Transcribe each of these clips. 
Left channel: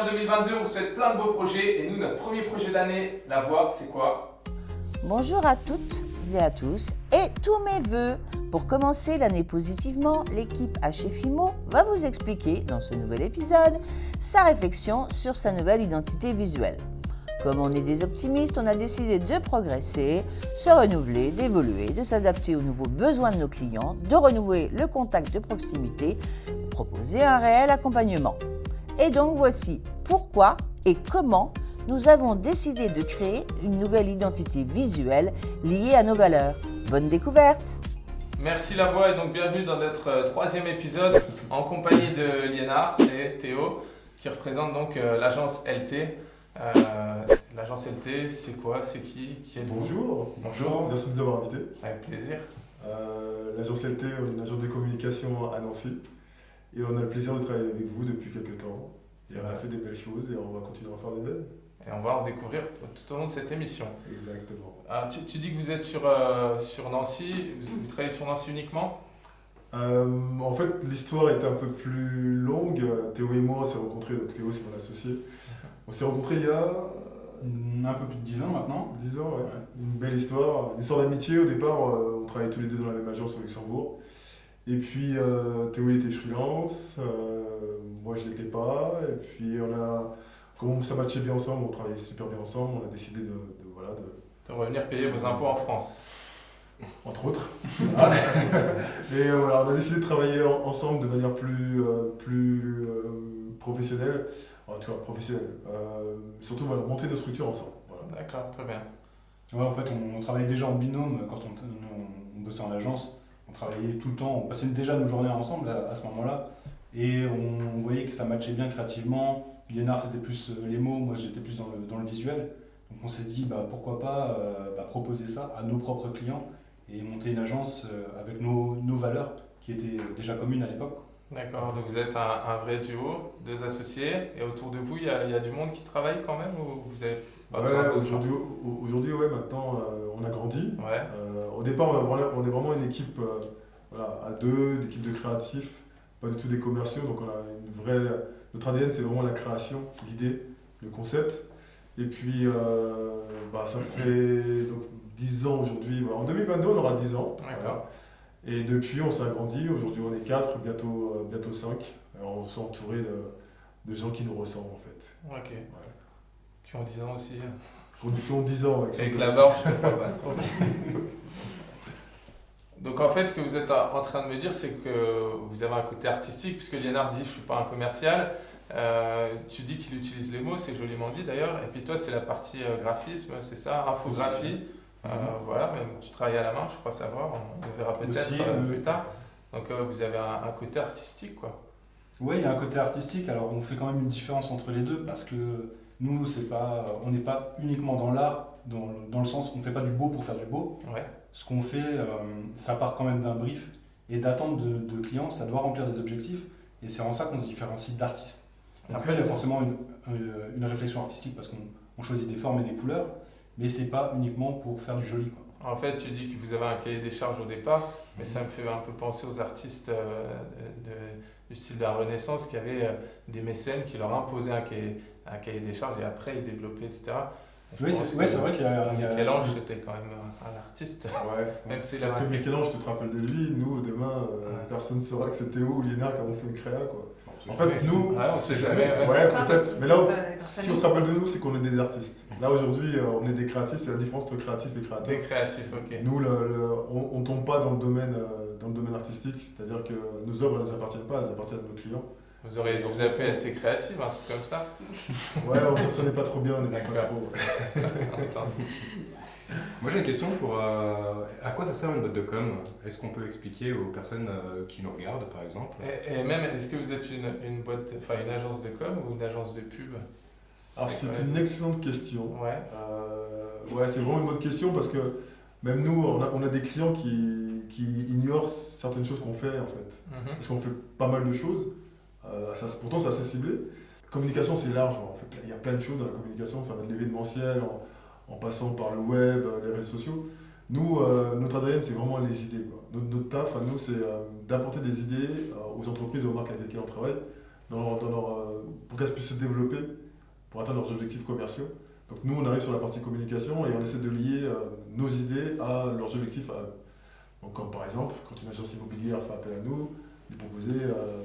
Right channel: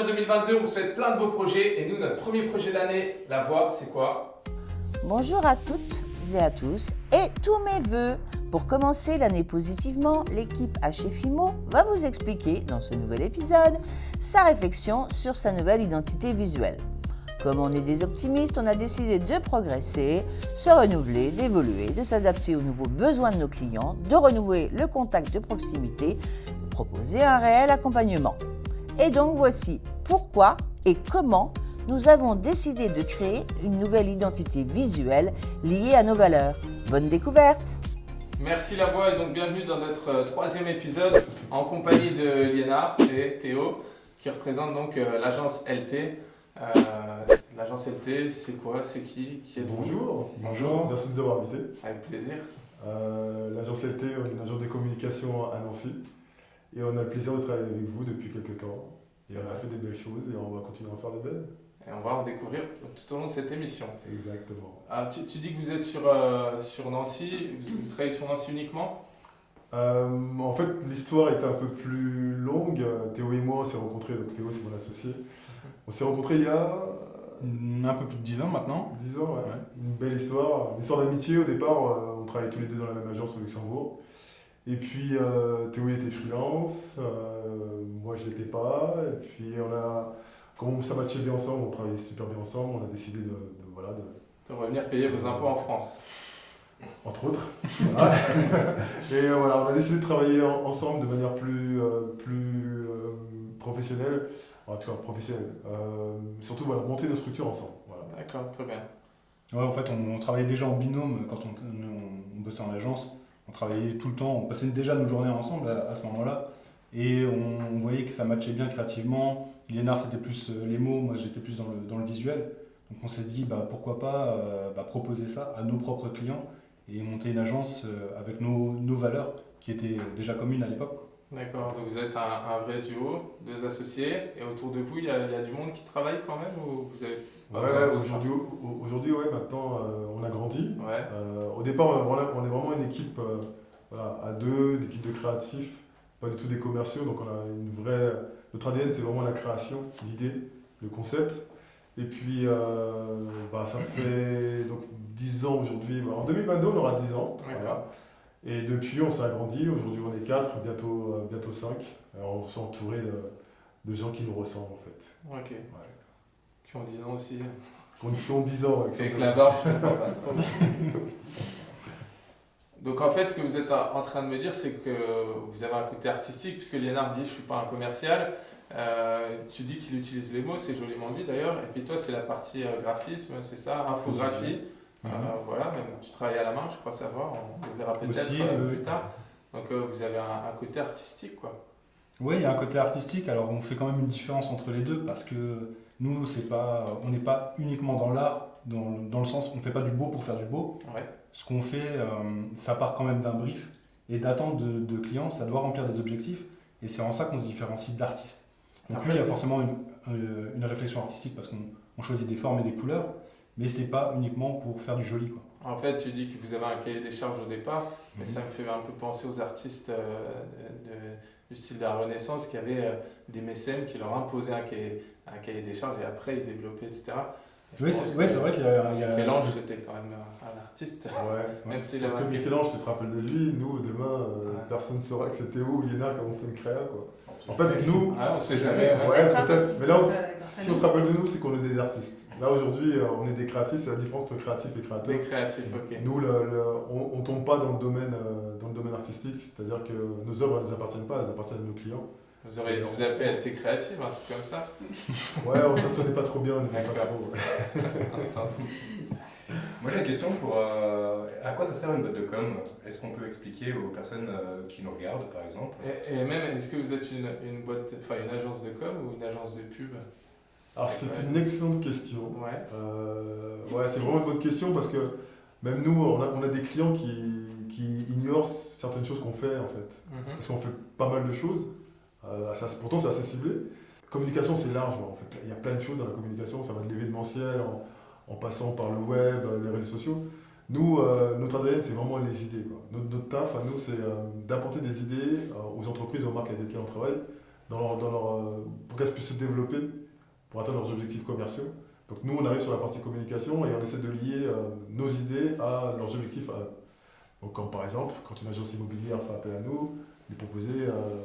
en 2022, on vous souhaite plein de beaux projets. Et nous, notre premier projet de l'année, La Voix, c'est quoi? Bonjour à toutes et à tous et tous mes vœux. Pour commencer l'année positivement, l'équipe HFIMO va vous expliquer dans ce nouvel épisode sa réflexion sur sa nouvelle identité visuelle. Comme on est des optimistes, on a décidé de progresser, se renouveler, d'évoluer, de s'adapter aux nouveaux besoins de nos clients, de renouer le contact de proximité, proposer un réel accompagnement. Et donc voici pourquoi et comment nous avons décidé de créer une nouvelle identité visuelle liée à nos valeurs. Bonne découverte! Merci La Voix et donc bienvenue dans notre troisième épisode en compagnie de Liénard et Théo qui représentent donc l'agence LT. L'agence LT, c'est quoi? C'est qui êtes-vous? Bonjour, merci de nous avoir invités. Avec plaisir. L'agence LT, on est une agence de communication à Nancy et on a le plaisir de travailler avec vous depuis quelques temps. Et on a fait des belles choses et on va continuer à en faire des belles. Et on va en découvrir tout au long de cette émission. Exactement. Tu dis que vous êtes sur Nancy, vous travaillez sur Nancy uniquement? En fait, l'histoire est un peu plus longue. Théo et moi, on s'est rencontrés, donc Théo c'est mon associé. On s'est rencontrés il y a un peu plus de 10 ans maintenant. 10 ans, ouais. Une belle histoire. Une histoire d'amitié au départ. On travaillait tous les deux dans la même agence au Luxembourg. Et puis Théo il était freelance, moi je l'étais pas. Et puis comme ça matchait bien ensemble, on travaillait super bien ensemble, on a décidé de revenir payer vos impôts en France. Entre autres. Et voilà, on a décidé de travailler ensemble de manière plus professionnelle. En tout cas professionnelle. Surtout monter nos structures ensemble. Voilà. D'accord, très bien. Ouais, en fait, on travaillait déjà en binôme quand on bossait en agence. On travaillait tout le temps, on passait déjà nos journées ensemble à ce moment-là. Et on voyait que ça matchait bien créativement. Liénard, c'était plus les mots, moi j'étais plus dans le visuel. Donc on s'est dit pourquoi pas proposer ça à nos propres clients et monter une agence avec nos valeurs qui étaient déjà communes à l'époque. D'accord, donc vous êtes un vrai duo, deux associés, et autour de vous, il y a du monde qui travaille quand même ou vous avez aujourd'hui, maintenant, on a grandi. Ouais. Au départ, on est vraiment une équipe à deux, une équipe de créatifs, pas du tout des commerciaux, donc on a une vraie... Notre ADN, c'est vraiment la création, l'idée, le concept. Et puis, ça fait donc, 10 ans aujourd'hui. En 2022, on aura 10 ans. D'accord. Et depuis, on s'est agrandi. Aujourd'hui, on est 4, bientôt 5. On s'est entouré de gens qui nous ressemblent, en fait. Ok. Ouais. Qui ont 10 ans aussi. Qui ont 10 ans. Avec la barbe, je comprends pas trop. Donc en fait, ce que vous êtes en train de me dire, c'est que vous avez un côté artistique, puisque Liénard dit « je suis pas un commercial ». Tu dis qu'il utilise les mots, c'est joliment dit d'ailleurs. Et puis toi, c'est la partie graphisme, c'est ça, infographie. Voilà, même tu travailles à la main, je crois savoir, on le verra peut-être plus tard. Donc vous avez un côté artistique, quoi. Oui, il y a un côté artistique. Alors on fait quand même une différence entre les deux parce que nous, on n'est pas uniquement dans l'art, dans le sens qu'on ne fait pas du beau pour faire du beau. Ouais. Ce qu'on fait, ça part quand même d'un brief et d'attente de clients, ça doit remplir des objectifs et c'est en ça qu'on se différencie d'artistes. Après, il y a forcément une réflexion artistique parce qu'on choisit des formes et des couleurs, mais c'est pas uniquement pour faire du joli, quoi. En fait, tu dis que vous avez un cahier des charges au départ, mais ça me fait un peu penser aux artistes du style de la Renaissance qui avaient des mécènes qui leur imposaient un cahier des charges et après ils développaient, etc. Oui, c'est vrai qu'il y a... Michel-Ange, c'était quand même un artiste. Ouais, même si sauf que Michel-Ange, tu te rappelles de lui, nous, demain, personne ne saura que c'est Théo ou Liénard qui avons fait une créa, quoi. En fait, nous... on sait jamais. Ouais, peut-être. Mais là, si on se rappelle de nous, c'est qu'on est des artistes. Là, aujourd'hui, on est des créatifs, c'est la différence entre créatif et créateur. Des créatifs, ok. Nous, on ne tombe pas dans le domaine artistique, c'est-à-dire que nos œuvres ne nous appartiennent pas, elles appartiennent à nos clients. Vous auriez dû vous appeler LT Créative, un truc comme ça. Ouais, ça sonnait pas trop bien, on n'est pas trop. Moi j'ai une question pour à quoi ça sert une boîte de com? Est-ce qu'on peut expliquer aux personnes qui nous regardent par exemple? Et même, est-ce que vous êtes une agence de com ou une agence de pub? Alors c'est une excellente question. Ouais. C'est vraiment une bonne question parce que même nous, on a des clients qui ignorent certaines choses qu'on fait en fait. Parce qu'on fait pas mal de choses. Pourtant c'est assez ciblé. Communication c'est large. En fait, il y a plein de choses dans la communication. Ça va de l'événementiel en passant par le web, les réseaux sociaux. Nous, notre ADN, c'est vraiment les idées, quoi. Notre taf à nous, c'est d'apporter des idées aux entreprises et aux marques avec lesquelles on travaille, pour qu'elles puissent se développer, pour atteindre leurs objectifs commerciaux. Donc nous, on arrive sur la partie communication et on essaie de lier nos idées à leurs objectifs à eux. Donc comme par exemple, quand une agence immobilière fait appel à nous, lui proposer,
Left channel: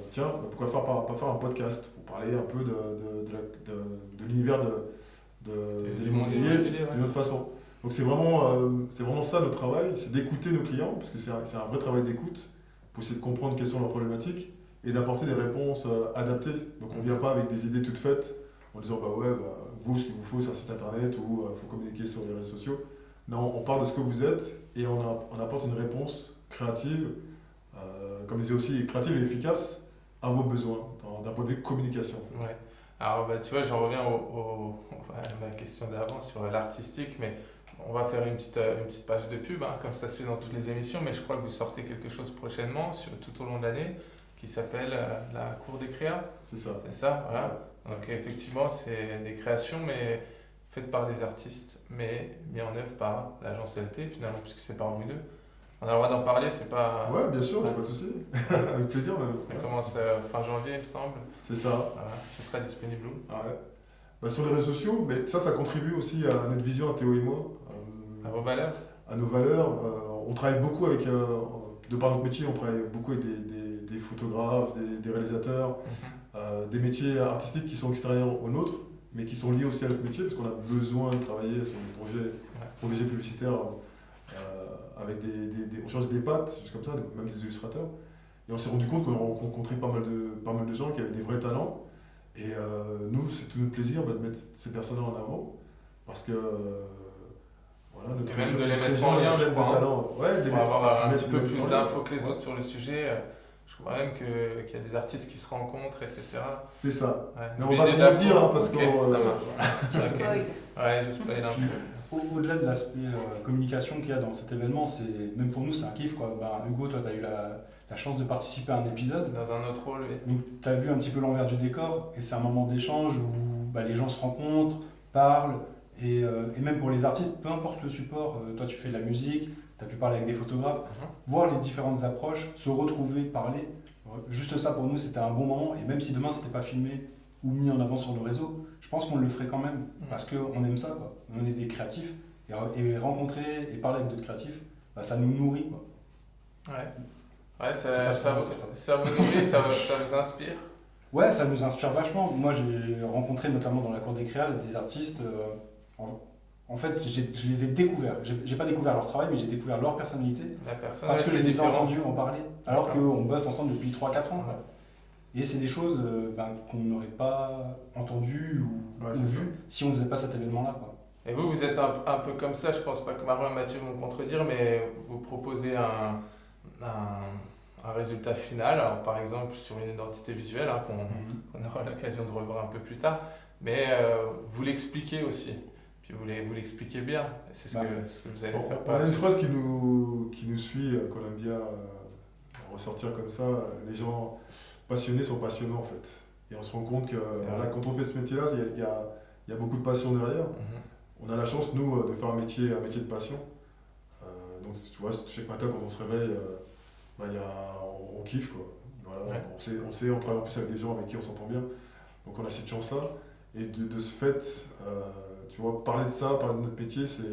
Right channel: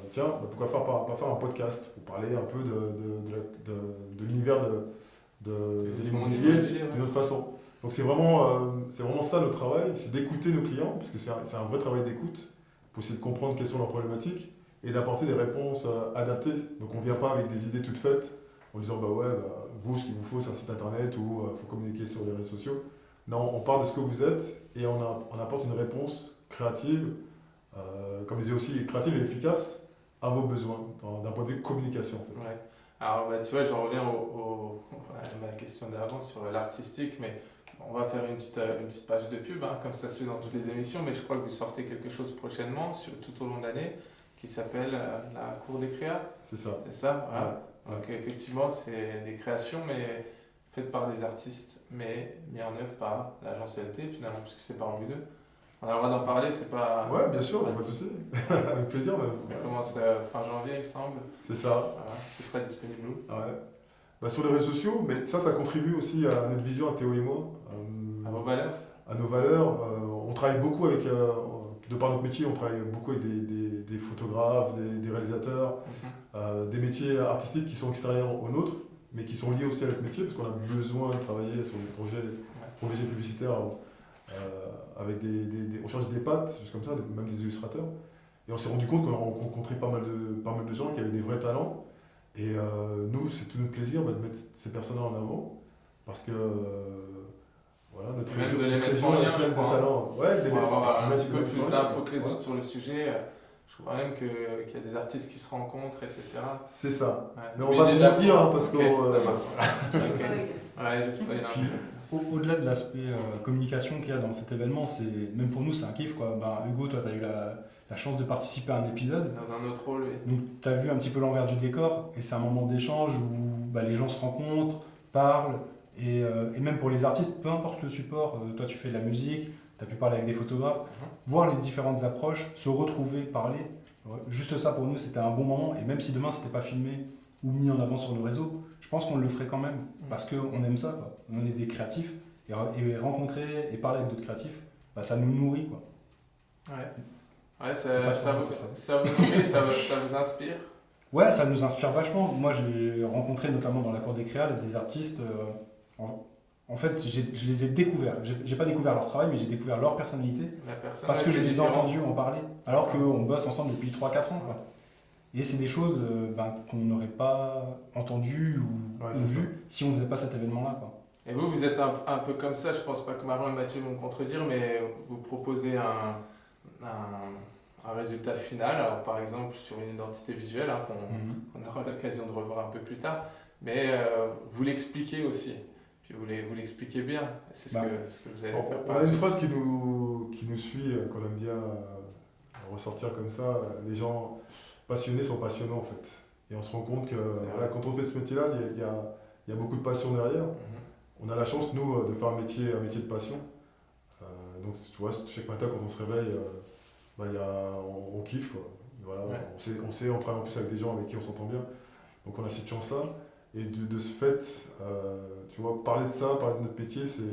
tiens, pourquoi pas faire un podcast pour parler un peu de l'univers de l'immobilier d'une autre façon. Donc c'est vraiment ça notre travail, c'est d'écouter nos clients, parce que c'est un vrai travail d'écoute, pour essayer de comprendre quelles sont leurs problématiques et d'apporter des réponses adaptées. Donc on ne vient pas avec des idées toutes faites en disant vous, ce qu'il vous faut, c'est un site internet ou il faut communiquer sur les réseaux sociaux. Non, on part de ce que vous êtes et on apporte une réponse créative, comme je disais aussi, créative et efficace à vos besoins, d'un point de vue communication. En fait. Ouais. Alors tu vois, je reviens à ma question d'avant sur l'artistique, mais on va faire une petite page de pub, comme ça se fait dans toutes les émissions, mais je crois que vous sortez quelque chose prochainement, tout au long de l'année, qui s'appelle la Cour des Créas. C'est ça. C'est ça, voilà. Ouais. Donc effectivement, c'est des créations, mais faites par des artistes, mais mis en œuvre par l'agence LT, finalement, puisque c'est par vous deux. On a le droit d'en parler, c'est pas... Ouais, bien sûr, pas de souci. Avec plaisir. Ça commence fin janvier, il me semble. C'est ça. Voilà. Ce sera disponible où? Ouais. Sur les réseaux sociaux, mais ça contribue aussi à notre vision, à Théo et moi. À vos valeurs? À nos valeurs. On travaille beaucoup avec, de par notre métier, on travaille beaucoup avec des photographes, des réalisateurs, des métiers artistiques qui sont extérieurs aux nôtres, mais qui sont liés aussi à notre métier, parce qu'on a besoin de travailler sur des projets publicitaires avec on change des pattes, juste comme ça, même des illustrateurs. Et on s'est rendu compte qu'on a rencontré pas mal de gens qui avaient des vrais talents. Et nous, c'est tout notre plaisir de mettre ces personnes-là en avant, parce que notre et même de les notre mettre région en lien, est je pleine crois. de talents. Ouais, Pour avoir un petit peu mettre plus en lien. d'infos que les autres sur le sujet. Je crois même qu'il y a des artistes qui se rencontrent, etc. C'est ça. Ouais. Mais on va trop mentir, parce que. que... Ouais, je spoil un peu. Au-delà de l'aspect communication qu'il y a dans cet événement, même pour nous, c'est un kiff, quoi. Hugo, toi, tu as eu la chance de participer à un épisode. Dans un autre rôle, oui. Donc, tu as vu un petit peu l'envers du décor, et c'est un moment d'échange où les gens se rencontrent, parlent, et même pour les artistes, peu importe le support, toi, tu fais de la musique, tu as pu parler avec des photographes, voir les différentes approches, se retrouver, parler. Juste ça, pour nous, c'était un bon moment, et même si demain, c'était pas filmé ou mis en avant sur nos réseaux, je pense qu'on le ferait quand même, parce qu'on aime ça, quoi. On est des créatifs, et rencontrer et parler avec d'autres créatifs, ça nous nourrit, quoi. Ouais, ça vous nourrit, ça vous inspire? Ouais, ça nous inspire vachement. Moi, j'ai rencontré notamment dans la Cour des Créas des artistes. En fait, je les ai découverts. J'ai pas découvert leur travail, mais j'ai découvert leur personnalité. Parce que je les ai entendus en parler, alors qu'on bosse ensemble depuis 3-4 ans. Quoi. Et c'est des choses qu'on n'aurait pas entendues ou vues si on ne faisait pas cet événement-là. Quoi. Et vous êtes un peu comme ça, je pense pas que Marion et Mathieu vont me contredire, mais vous proposez un résultat final, alors par exemple sur une identité visuelle, qu'on aura l'occasion de revoir un peu plus tard, mais vous l'expliquez aussi, puis vous l'expliquez bien, c'est ce que vous allez faire. On a une phrase qui nous suit, qu'on aime bien ressortir comme ça, les gens passionnés sont passionnants en fait, et on se rend compte que quand on fait ce métier-là, il y a beaucoup de passion derrière. On a la chance, nous, de faire un métier de passion, donc tu vois, chaque matin quand on se réveille, on kiffe quoi. Voilà. On travaille en plus avec des gens avec qui on s'entend bien, donc on a cette chance là, et de ce fait, tu vois, parler de ça, parler de notre métier, c'est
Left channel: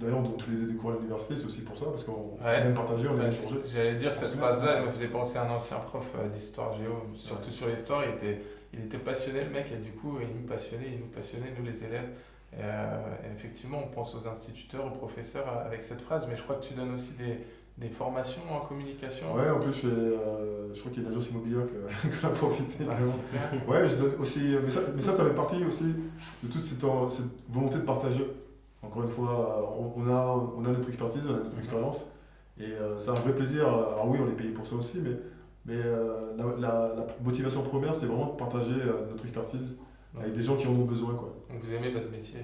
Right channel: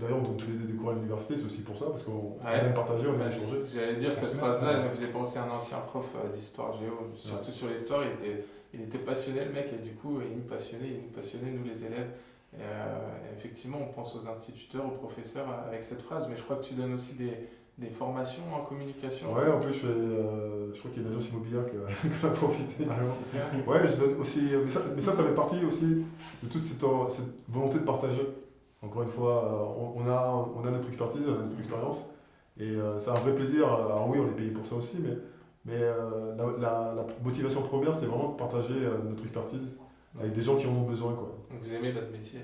d'ailleurs on donne tous les deux des cours à l'université, c'est aussi pour ça, parce qu'on aime partager, on aime échanger. J'allais dire, cette phrase-là, elle me faisait penser à un ancien prof d'histoire géo, surtout sur l'histoire, il était passionné le mec, et du coup il nous passionnait nous les élèves. Et effectivement, on pense aux instituteurs, aux professeurs avec cette phrase, mais je crois que tu donnes aussi des formations en communication. Ouais, en plus je crois qu'il y a une agence immobilière qui a profité. Ouais, je donne aussi, mais ça fait partie aussi de toute cette volonté de partager. Encore une fois, on a notre expertise, on a notre expérience, et c'est un vrai plaisir. Alors oui, on est payé pour ça aussi, mais la motivation première, c'est vraiment de partager notre expertise avec des gens qui en ont besoin, quoi. Donc vous aimez votre métier.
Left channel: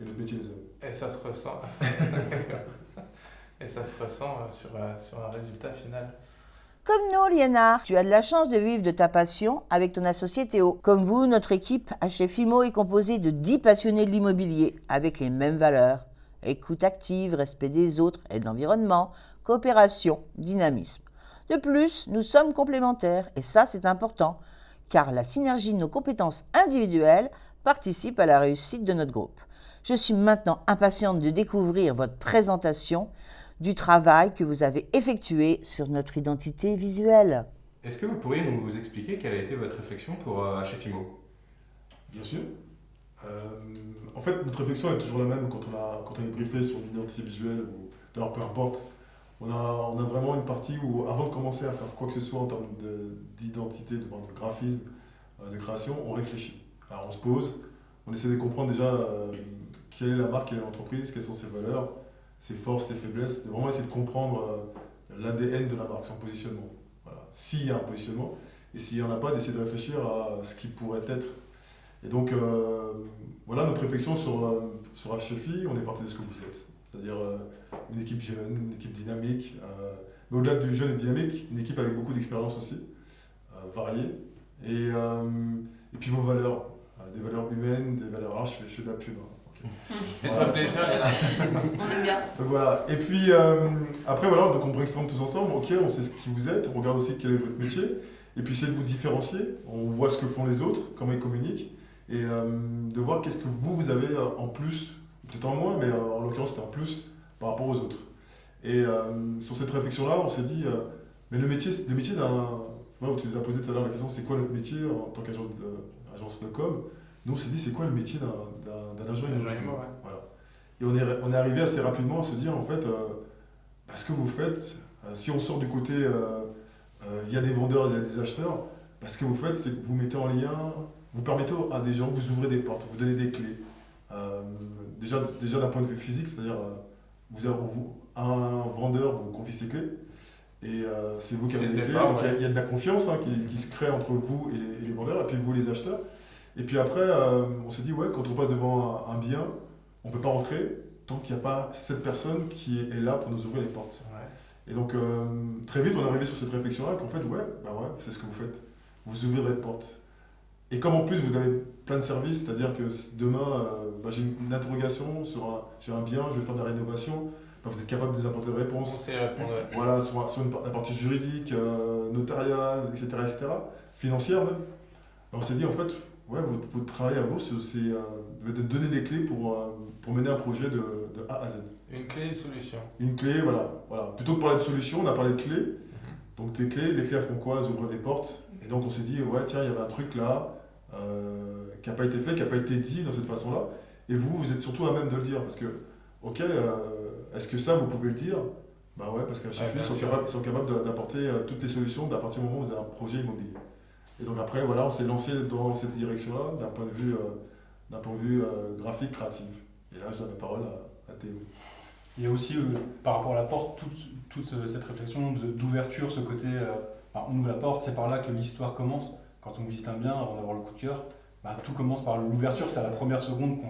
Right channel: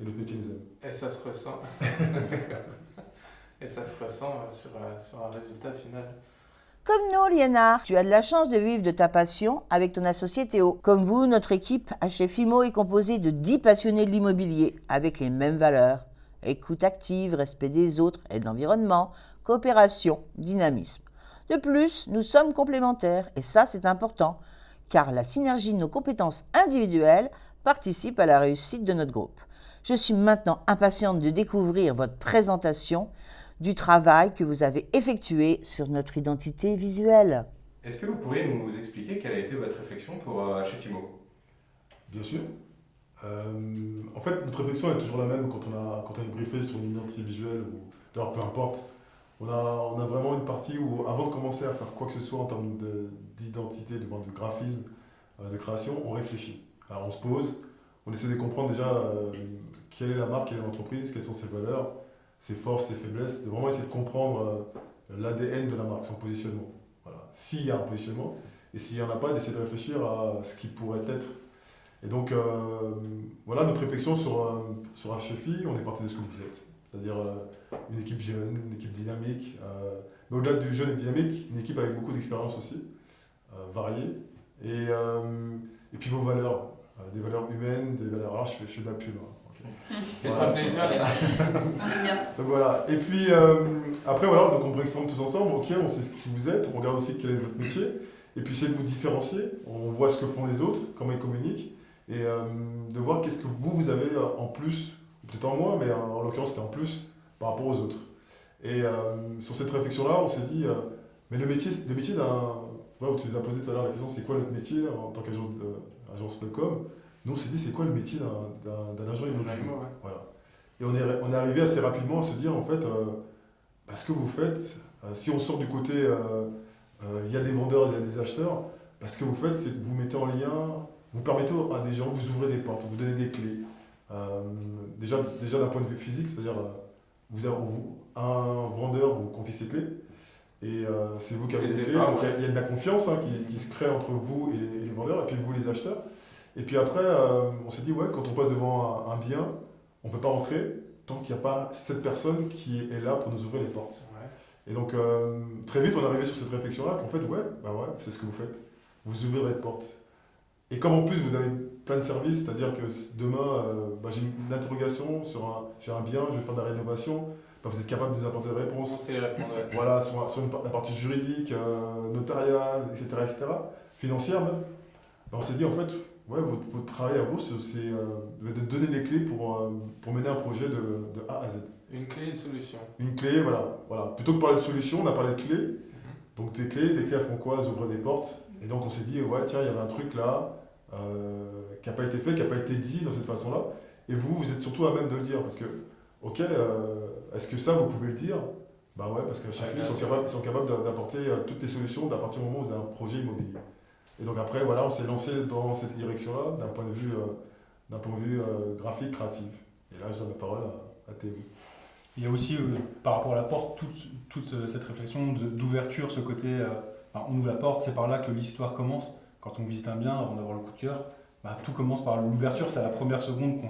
Et notre métier nous aime. Et ça se ressent. Et ça se ressent sur un résultat final. Comme nous, Liénard, tu as de la chance de vivre de ta passion avec ton associé Théo. Comme vous, notre équipe HF-IMO est composée de 10 passionnés de l'immobilier avec les mêmes valeurs. Écoute active, respect des autres et de l'environnement, coopération, dynamisme. De plus, nous sommes complémentaires, et ça c'est important, car la synergie de nos compétences individuelles participe à la réussite de notre groupe. Je suis maintenant impatiente de découvrir votre présentation du travail que vous avez effectué sur notre identité visuelle. Est-ce que vous pourriez nous expliquer quelle a été votre réflexion pour HFIMO? Bien sûr. En fait, notre réflexion est toujours la même quand on est briefé sur une identité visuelle, ou d'ailleurs peu importe. On a vraiment une partie où, avant de commencer à faire quoi que ce soit en termes d'identité, de graphisme, de création, on réfléchit. Alors on se pose, on essaie de comprendre déjà quelle est la marque, quelle est l'entreprise, quelles sont ses valeurs, ses forces, ses faiblesses, de vraiment essayer de comprendre l'ADN de la marque, son positionnement. Voilà. S'il y a un positionnement, et s'il n'y en a pas, d'essayer de réfléchir à ce qui pourrait être. Et donc, voilà notre réflexion sur HFI, on est parti de ce que vous êtes. C'est-à-dire une équipe jeune, une équipe dynamique, mais au-delà du jeune et dynamique, une équipe avec beaucoup d'expérience aussi, variée. Et puis vos valeurs, des valeurs humaines, des valeurs... Ah, je fais de la pub. Hein. Fais-toi plaisir, Léna. On aime bien. Donc voilà. Et puis après, voilà, donc on brainstorm tous ensemble, ok, on sait ce qui vous êtes, on regarde aussi quel est votre métier, et puis essayer de vous différencier, on voit ce que font les autres, comment ils communiquent, et de voir qu'est-ce que vous avez en plus, peut-être en moins, mais en l'occurrence c'était en plus par rapport aux autres. Et sur cette réflexion-là, on s'est dit, mais le métier d'un... Ouais, tu nous as posé tout à l'heure la question, c'est quoi notre métier en tant qu'agence de com? Nous, on s'est dit, c'est quoi le métier d'un agent immobilier? Ouais. Voilà. Et on est arrivé assez rapidement à se dire, en fait, ce que vous faites, si on sort du côté, il y a des vendeurs, il y a des acheteurs, ce que vous faites, c'est que vous mettez en lien, vous permettez à des gens, vous ouvrez des portes, vous donnez des clés. Déjà d'un point de vue physique, c'est-à-dire, un vendeur vous confie ses clés, et c'est vous qui avez les clés, donc il y a de la confiance qui se crée entre vous et les vendeurs, et puis vous les acheteurs. Et puis après, on s'est dit, ouais, quand on passe devant un bien, on ne peut pas rentrer tant qu'il n'y a pas cette personne qui est là pour nous ouvrir les portes. Ouais. Et donc, très vite, on est arrivé sur cette réflexion-là qu'en fait, ouais, c'est ce que vous faites. Vous ouvrez les portes. Et comme en plus, vous avez plein de services, c'est-à-dire que demain, j'ai une interrogation j'ai un bien, je vais faire de la rénovation, vous êtes capable de nous apporter des réponses. Voilà, sur la partie juridique, notariale, etc., financière même. On s'est dit, en fait, ouais, votre travail à vous, c'est de donner les clés pour mener un projet de A à Z. Une clé, une solution. Une clé, voilà. Plutôt que de parler de solution, on a parlé de clés. Donc tes clés, les clés elles font quoi? Elles ouvrent des portes. Et donc on s'est dit, ouais, tiens, il y avait un truc là qui n'a pas été fait, qui n'a pas été dit dans cette façon-là. Et vous êtes surtout à même de le dire. Parce que, ok, est-ce que ça, vous pouvez le dire? Bah ouais, parce qu'à chaque fois, ils sont capables d'apporter toutes les solutions à partir du moment où vous avez un projet immobilier. Et donc après, voilà, on s'est lancé dans cette direction-là, d'un point de vue graphique, créatif. Et là, je donne la parole à Théo. Il y a aussi, par rapport à la porte, toute cette réflexion d'ouverture, ce côté, on ouvre la porte, c'est par là que l'histoire commence. Quand on visite un bien, avant d'avoir le coup de cœur, tout commence par l'ouverture, c'est à la première seconde qu'on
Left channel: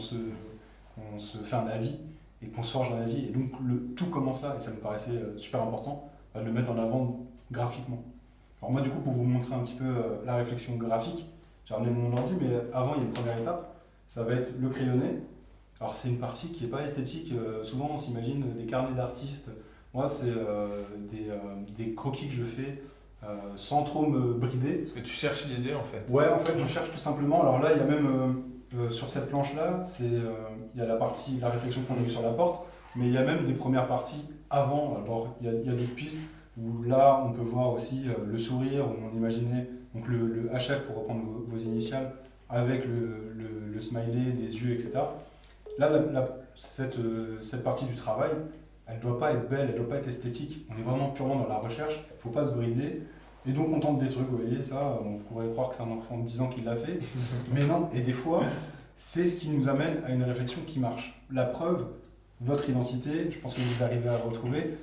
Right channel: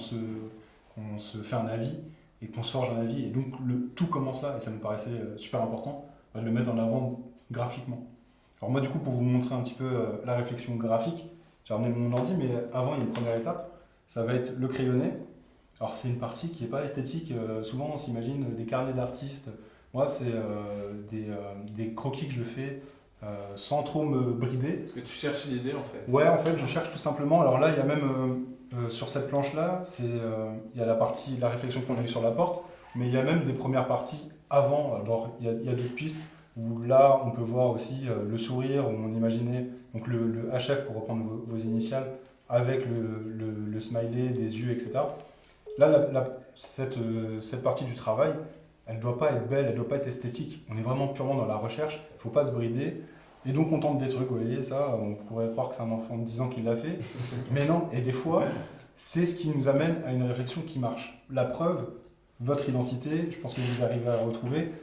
se fait un avis et qu'on se forge un avis. Et donc, tout commence là, et ça nous paraissait super important de le mettre en avant graphiquement. Alors moi, du coup, pour vous montrer un petit peu la réflexion graphique, j'ai ramené mon ordi, mais avant, il y a une première étape, ça va être le crayonné. Alors c'est une partie qui n'est pas esthétique, souvent on s'imagine des carnets d'artistes. Moi, c'est des croquis que je fais sans trop me brider. Parce que tu cherches l'idée en fait. Ouais, en fait, je cherche tout simplement. Alors là, il y a même, sur cette planche-là, il y a la réflexion qu'on a eue sur la porte, mais il y a même des premières parties avant. Alors il y a d'autres pistes où là, on peut voir aussi le sourire, où on imaginait donc le HF pour reprendre vos initiales, avec le smiley, des yeux, etc. Là, cette partie du travail, elle ne doit pas être belle, elle ne doit pas être esthétique. On est vraiment purement dans la recherche, il ne faut pas se brider. Et donc on tente des trucs, vous voyez, ça, on pourrait croire que c'est un enfant de 10 ans qui l'a fait. Mais non, et des fois, c'est ce qui nous amène à une réflexion qui marche. La preuve, votre identité, je pense que vous arrivez à la retrouver,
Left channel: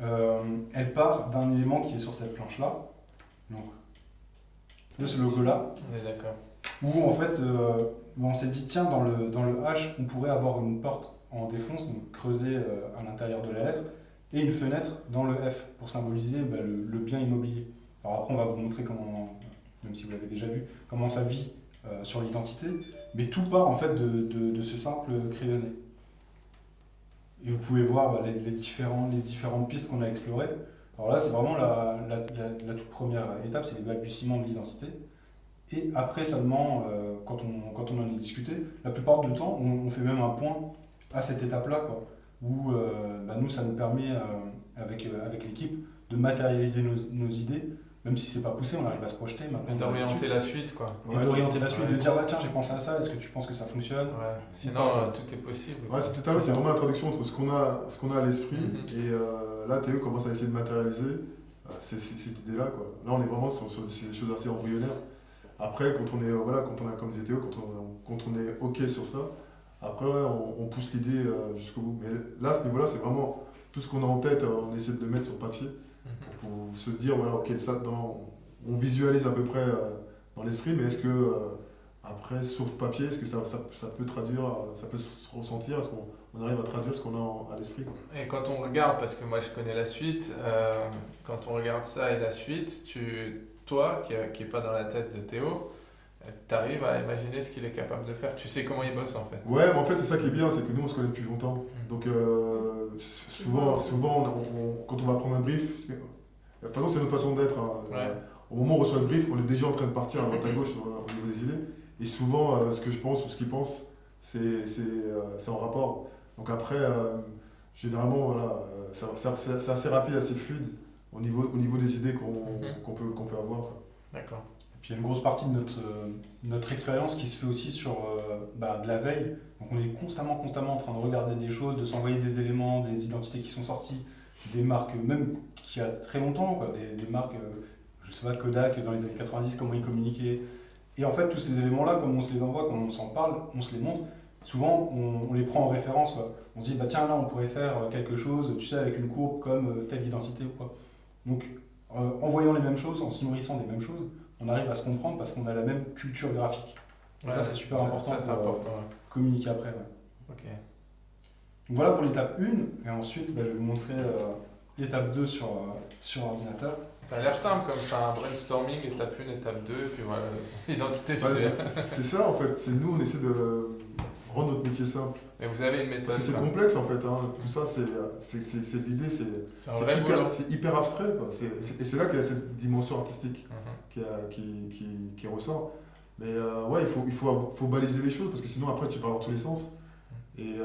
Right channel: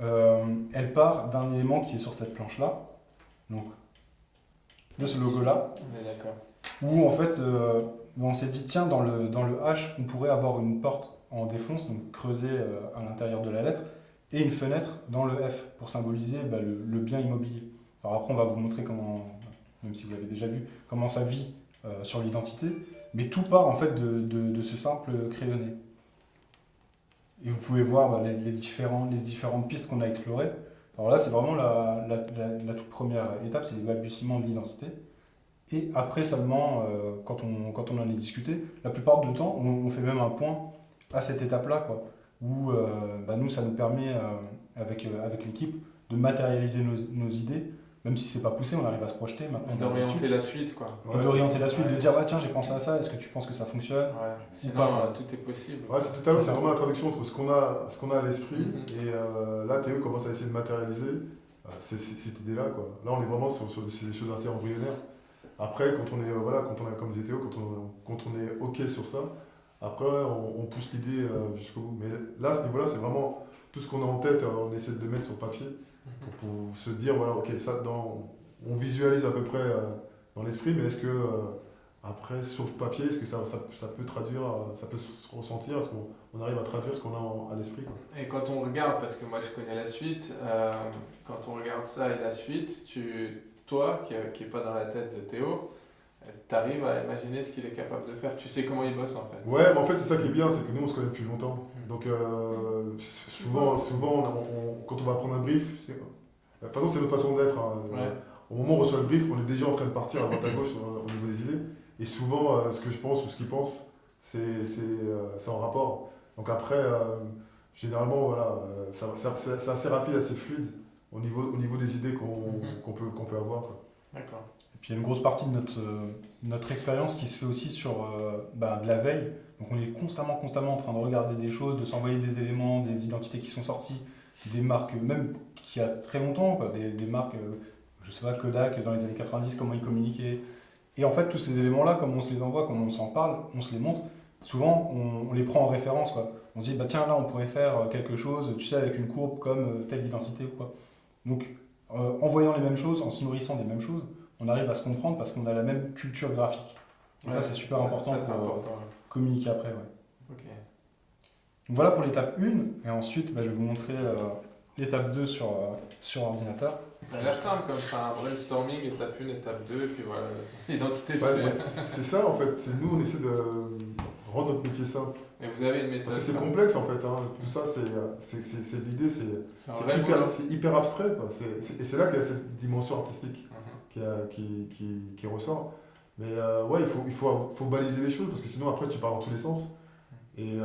elle part d'un élément qui est sur cette planche-là. Donc, de ce logo-là. On est d'accord. Où en fait, on s'est dit, tiens, dans le H, on pourrait avoir une porte en défonce, donc creusée à l'intérieur de la lettre, et une fenêtre dans le F, pour symboliser le bien immobilier. Alors après, on va vous montrer comment, même si vous l'avez déjà vu, comment ça vit sur l'identité, mais tout part en fait de ce simple crayonné. Et vous pouvez voir les différentes pistes qu'on a explorées. Alors là, c'est vraiment la toute première étape, c'est les balbutiements de l'identité. Et après seulement, quand on en a discuté, la plupart du temps, on fait même un point à cette étape-là, quoi, où nous, ça nous permet, avec l'équipe, de matérialiser nos idées, même si c'est pas poussé, on arrive à se projeter. D'orienter la suite, quoi. Et d'orienter la suite, de dire, tiens, j'ai pensé à ça, est-ce que tu penses que ça fonctionne? Ouais. Sinon, tout est possible. Ouais, c'est tout à l'heure, c'est vraiment la traduction entre ce qu'on a à l'esprit, et là, Théo commence à essayer de matérialiser cette idée-là, quoi. Là, on est vraiment sur des choses assez embryonnaires. Après, quand on est, comme disait Théo, quand on est OK sur ça, après, on pousse l'idée jusqu'au bout. Mais là, à ce niveau-là, c'est vraiment tout ce qu'on a en tête, on essaie de le mettre sur papier pour se dire, voilà, OK, ça, on visualise à peu près dans l'esprit, mais est-ce que, après, sur papier, est-ce que ça peut traduire, ça peut se ressentir, est-ce qu'on arrive à traduire ce qu'on a à l'esprit, quoi. Et quand on regarde, parce que moi je connais la suite, quand on regarde ça et la suite, toi, qui n'est pas dans la tête de Théo, tu arrives à imaginer ce qu'il est capable de faire. Tu sais comment il bosse, en fait. Ouais, mais en fait, c'est ça qui est bien, c'est que nous, on se connaît depuis longtemps. Donc, souvent quand on va prendre un brief, de toute façon, c'est notre façon d'être, hein. Ouais. Au moment où on reçoit le brief, on est déjà en train de partir à droite à gauche au niveau des idées. Et souvent, ce que je pense ou ce qu'il pense, c'est en rapport. Donc après, généralement, voilà, c'est assez rapide, assez fluide au niveau des idées qu'on peut avoir, quoi. D'accord. Et puis il y a une grosse partie de notre expérience qui se fait aussi sur de la veille. Donc on est constamment en train de regarder des choses, de s'envoyer des éléments, des identités qui sont sorties, des marques, même qui a très longtemps, quoi, des marques, je sais pas, Kodak dans les années 90, comment ils communiquaient. Et en fait, tous ces éléments-là, comme on se les envoie, comme on s'en parle, on se les montre, souvent on les prend en référence, quoi. On se dit, tiens, là on pourrait faire quelque chose, tu sais, avec une courbe comme telle identité ou quoi. Donc en voyant les mêmes choses, en se nourrissant des mêmes choses, on arrive à se comprendre parce qu'on a la même culture graphique. Et ça, c'est super important pour communiquer après. Ouais. Ok. Donc voilà pour l'étape 1, et ensuite je vais vous montrer l'étape 2 sur ordinateur. Ça a l'air simple comme ça, un brainstorming, étape 1, étape 2, puis voilà, l'identité c'est ça en fait, c'est nous on essaie de rendre notre métier simple. Et vous avez une méthode. Parce que c'est complexe en fait, hein. Tout ça c'est l'idée, c'est hyper abstrait, quoi. Et c'est là qu'il y a cette dimension artistique qui ressort. Mais ouais, il faut baliser les choses parce que sinon après tu pars dans tous les sens. Et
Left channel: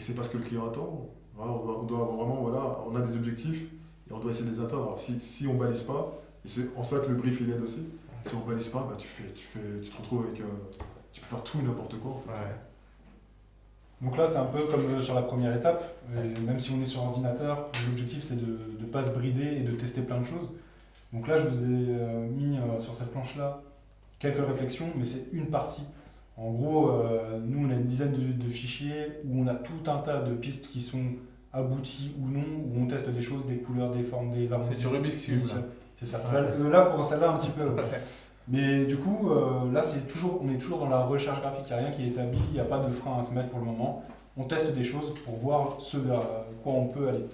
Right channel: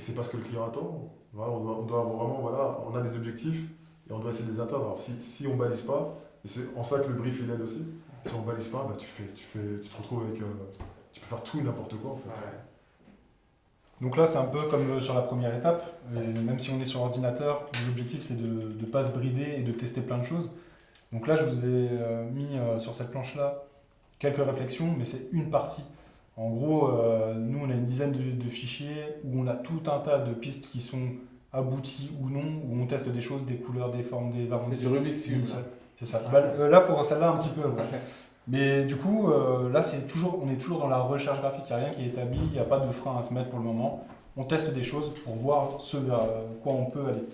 c'est pas ce que le client attend. Voilà, on doit avoir vraiment, voilà, on a des objectifs et on doit essayer de les atteindre. Alors si on balise pas, et c'est en ça que le brief il aide aussi, si on balise pas, tu te retrouves avec, tu peux faire tout et n'importe quoi en fait. Ouais. Donc là c'est un peu comme sur la première étape, même si on est sur ordinateur, l'objectif c'est de ne pas se brider et de tester plein de choses. Donc là je vous ai mis sur cette planche là quelques réflexions, mais c'est une partie. En gros, nous on a une dizaine de fichiers où on a tout un tas de pistes qui sont abouties ou non, où on teste des choses, des couleurs, des formes, des harmonies. C'est du Rubik's Cube. C'est ça. Là pour celle-là un petit peu. Ouais. Mais du coup, là on est toujours dans la recherche graphique, il n'y a rien qui est établi, il n'y a pas de frein à se mettre pour le moment. On teste des choses pour voir ce vers quoi on peut aller.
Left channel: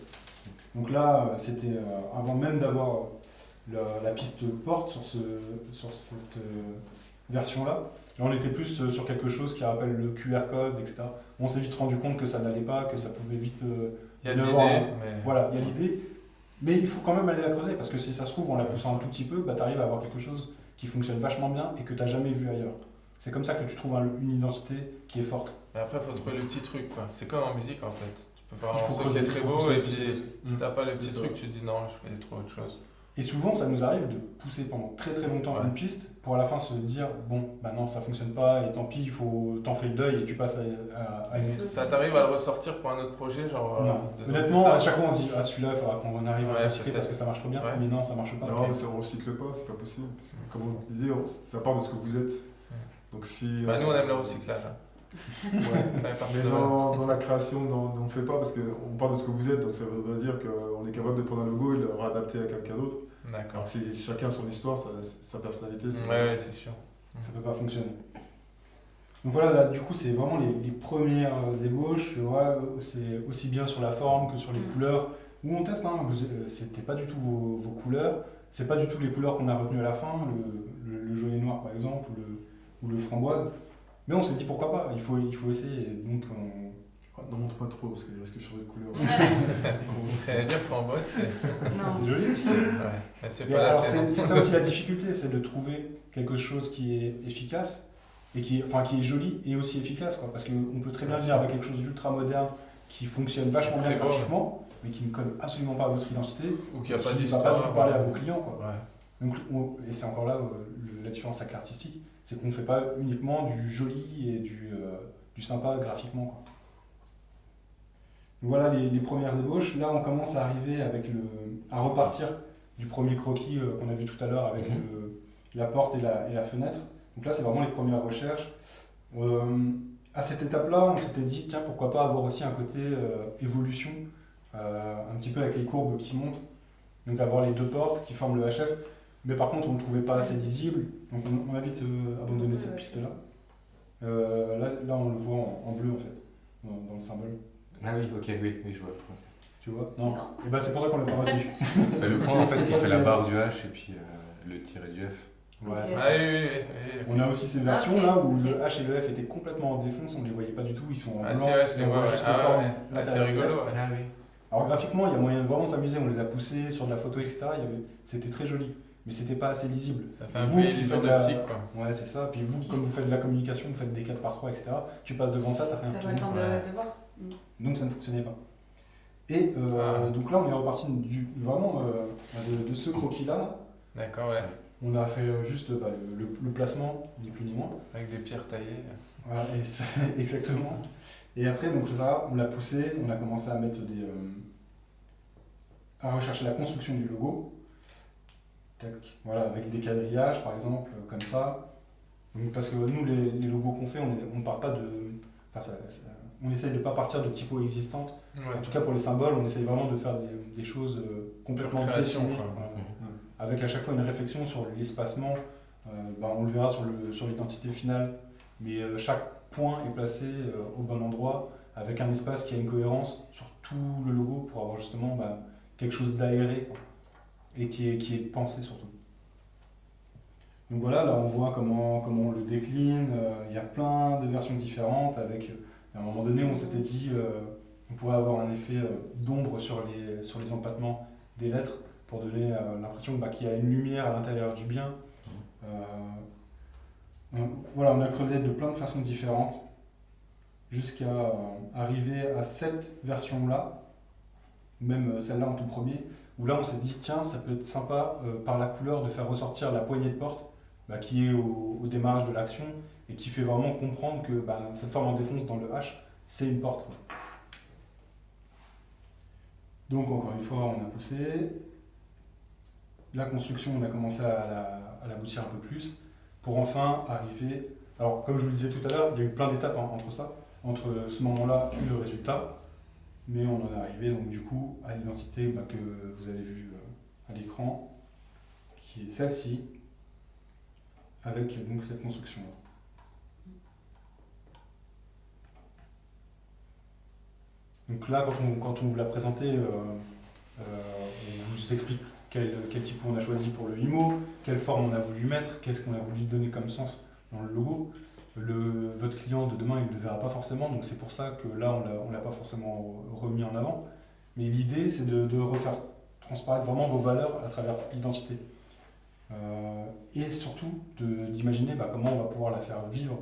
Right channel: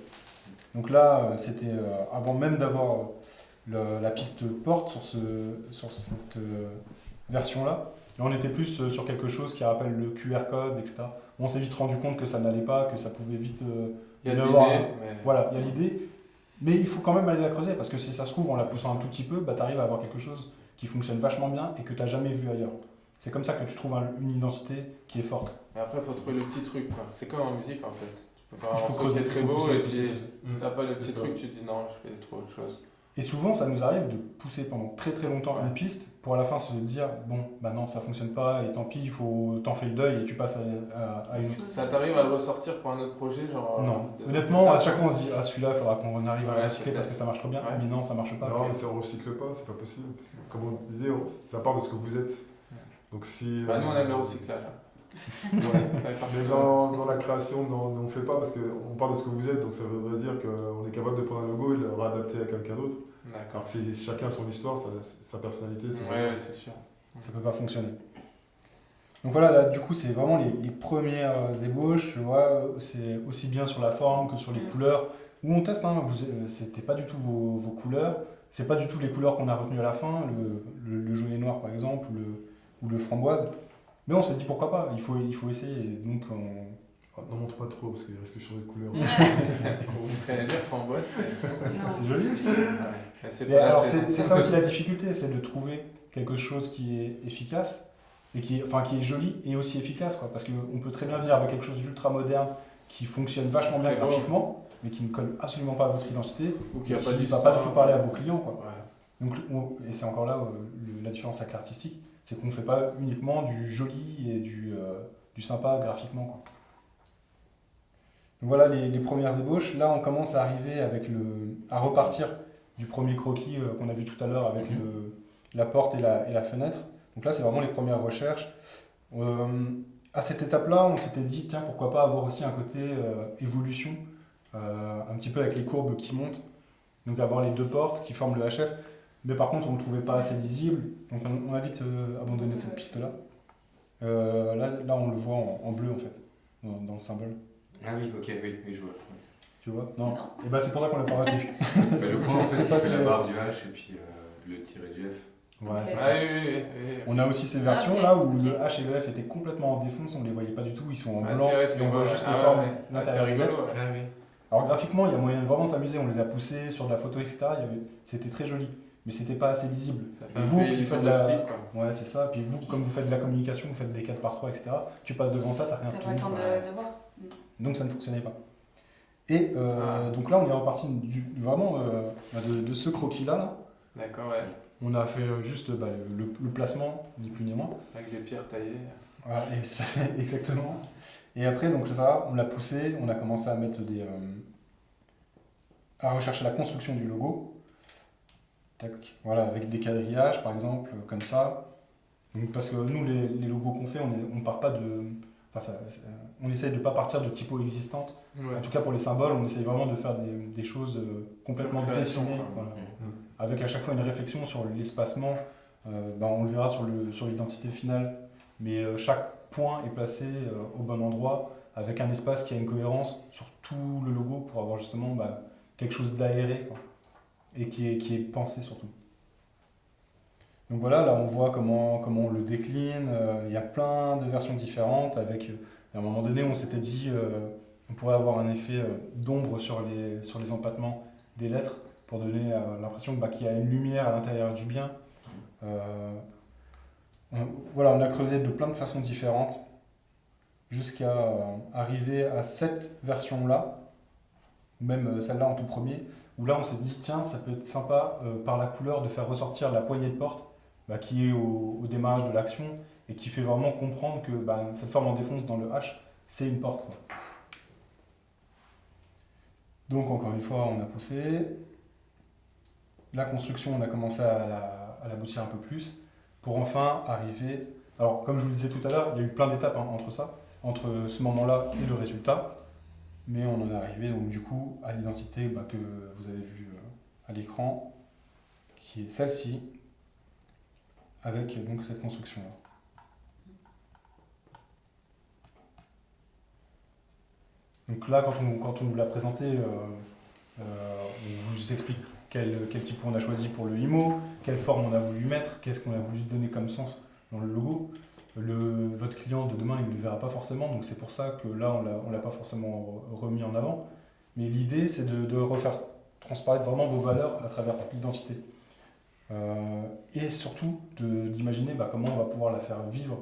Donc là, c'était avant même d'avoir la piste porte sur cette version-là. Là, on était plus sur quelque chose qui rappelle le QR code, etc. On s'est vite rendu compte que ça n'allait pas, que ça pouvait vite... il y a l'idée, Voilà, il y a l'idée. Mais il faut quand même aller la creuser, parce que si ça se trouve, en la poussant un tout petit peu, tu arrives à avoir quelque chose qui fonctionne vachement bien et que tu n'as jamais vu ailleurs. C'est comme ça que tu trouves une identité qui est forte. Et après, il faut trouver le petit truc, quoi. C'est comme en musique, en fait. Tu peux faire un morceau qui est très beau, et puis si t'as pas le petit ça. truc, tu te dis non, je fais trop autre chose. Et souvent, ça nous arrive de pousser pendant très très longtemps une piste pour à la fin se dire bon, bah non, ça fonctionne pas et tant pis, t'en fais le deuil et tu passes à une autre. Ça t'arrive à le ressortir pour un autre projet, genre non. Honnêtement, à chaque fois on se dit celui-là, il faudra qu'on arrive à recycler parce que ça marche trop bien, mais non, ça marche pas. Non, mais ça on recycle pas, c'est pas possible. Parce que, comme on disait, ça part de ce que vous êtes. Donc si. Nous on aime le recyclage. Ouais. Mais dans la création, on ne fait pas parce qu'on part de ce que vous êtes, donc ça voudrait dire qu'on est capable de prendre un logo et le réadapter à quelqu'un d'autre. D'accord. Alors que chacun a son histoire, sa personnalité. Ouais, c'est sûr. Ça peut pas fonctionner. Donc voilà, là, du coup, c'est vraiment les premières ébauches. Tu vois, c'est aussi bien sur la forme que sur les couleurs. Où on teste, hein, c'était pas du tout vos couleurs. C'est pas du tout les couleurs qu'on a retenues à la fin, le jaune et noir par exemple, ou le framboise. Mais on s'est dit pourquoi pas, il faut essayer. Donc n'en montre pas trop parce qu'il risque de changer de couleur. J'allais dire framboise, c'est. C'est Non. joli aussi. Ouais. Mais c'est Et pas la alors, saison. c'est ça aussi la difficulté, c'est de trouver quelque chose qui est efficace, et qui est joli et aussi efficace, quoi. Parce qu'on peut très bien venir avec quelque chose d'ultra moderne, qui fonctionne vachement bien Très beau, graphiquement, mais qui ne colle absolument pas à votre identité, Ou qu'il n'y a pas qui ne va d'histoire. pas du tout parler à vos clients, quoi. Ouais. Donc, et c'est encore là la différence avec l'artistique, c'est qu'on ne fait pas uniquement du joli et du sympa graphiquement, quoi. Donc voilà les premières ébauches. Là, on commence à arriver à repartir du premier croquis qu'on a vu tout à l'heure avec la porte et la fenêtre. Donc là, c'est vraiment les premières recherches. À cette étape-là, on s'était dit, tiens, pourquoi pas avoir aussi un côté évolution, un petit peu avec les courbes qui montent. Donc avoir les deux portes qui forment le HF. Mais par contre, on ne le trouvait pas assez lisible. Donc on a vite abandonné cette piste-là. Là, on le voit en bleu, en fait, dans le symbole. Ah oui, ok, oui, je vois. Tu vois? Non. Non. Et ben c'est pour ça qu'on l'a pas retenu. Bah, le point, en fait, il c'est fait la passé- barre du H et puis le tiret du F. Voilà, Ok. c'est Ah ça. oui. On a aussi ces versions ok, là où ok. le H et le F étaient complètement en défonce, on les voyait pas du tout, ils sont en Ah, blanc, c'est vrai, je et les on vois. voit juste Ah les formes. ouais. Ah, c'est l'intérieur des rigolo. lettres. Ouais. Ah oui. Alors graphiquement, il y a moyen de vraiment s'amuser, on les a poussés sur de la photo, etc. C'était très joli, mais c'était pas assez lisible. Ça fait Et un vous peu qui illusion faites la- d'optique, quoi. Ouais, c'est ça. Puis vous, comme vous faites de la communication, vous faites des 4x3, etc. Tu passes devant ça, t'as rien T'as pas le temps retenu. de voir. Donc ça ne fonctionnait pas. Et donc là, on est reparti vraiment de ce croquis-là. Là. D'accord, ouais. On a fait juste le placement, ni plus ni moins. Avec des pierres taillées. Voilà, exactement. Et après, donc ça, on l'a poussé, on a commencé à mettre à rechercher la construction du logo. Tac. Voilà, avec des quadrillages par exemple, comme ça. Donc, parce que nous, les logos qu'on fait, on part pas de. Enfin, on essaye de ne pas partir de typos existantes. Ouais. En tout cas, pour les symboles, on essaye vraiment de faire des choses complètement Pure création, dessinées. quoi. Voilà. Avec à chaque fois une réflexion sur l'espacement. On le verra sur l'identité finale, mais chaque point est placé au bon endroit, avec un espace qui a une cohérence sur tout le logo pour avoir justement quelque chose d'aéré, quoi, et qui est pensé surtout. Donc voilà, là on voit comment on le décline, il y a plein de versions différentes, avec, à un moment donné on s'était dit on pourrait avoir un effet d'ombre sur les empattements des lettres, pour donner l'impression qu'il y a une lumière à l'intérieur du bien. Voilà, on a creusé de plein de façons différentes jusqu'à arriver à cette version-là, même celle-là en tout premier, où là on s'est dit tiens, ça peut être sympa par la couleur de faire ressortir la poignée de porte qui est au démarrage de l'action et qui fait vraiment comprendre que cette forme en défonce dans le H, c'est une porte, quoi. Donc encore une fois, on a poussé. La construction, on a commencé à l'aboutir un peu plus, pour enfin arriver... Alors, comme je vous le disais tout à l'heure, il y a eu plein d'étapes entre ce moment-là et le résultat, mais on en est arrivé donc du coup à l'identité que vous avez vue à l'écran, qui est celle-ci, avec donc cette construction-là. Donc là, quand on vous l'a présenté, on vous explique quel typo on a choisi pour le IMO, quelle forme on a voulu mettre, qu'est-ce qu'on a voulu donner comme sens dans le logo. Votre client de demain, il ne le verra pas forcément, donc c'est pour ça que là, on ne l'a pas forcément remis en avant. Mais l'idée, c'est de refaire transparaître vraiment vos valeurs à travers toute l'identité. Et surtout, d'imaginer comment on va pouvoir la faire vivre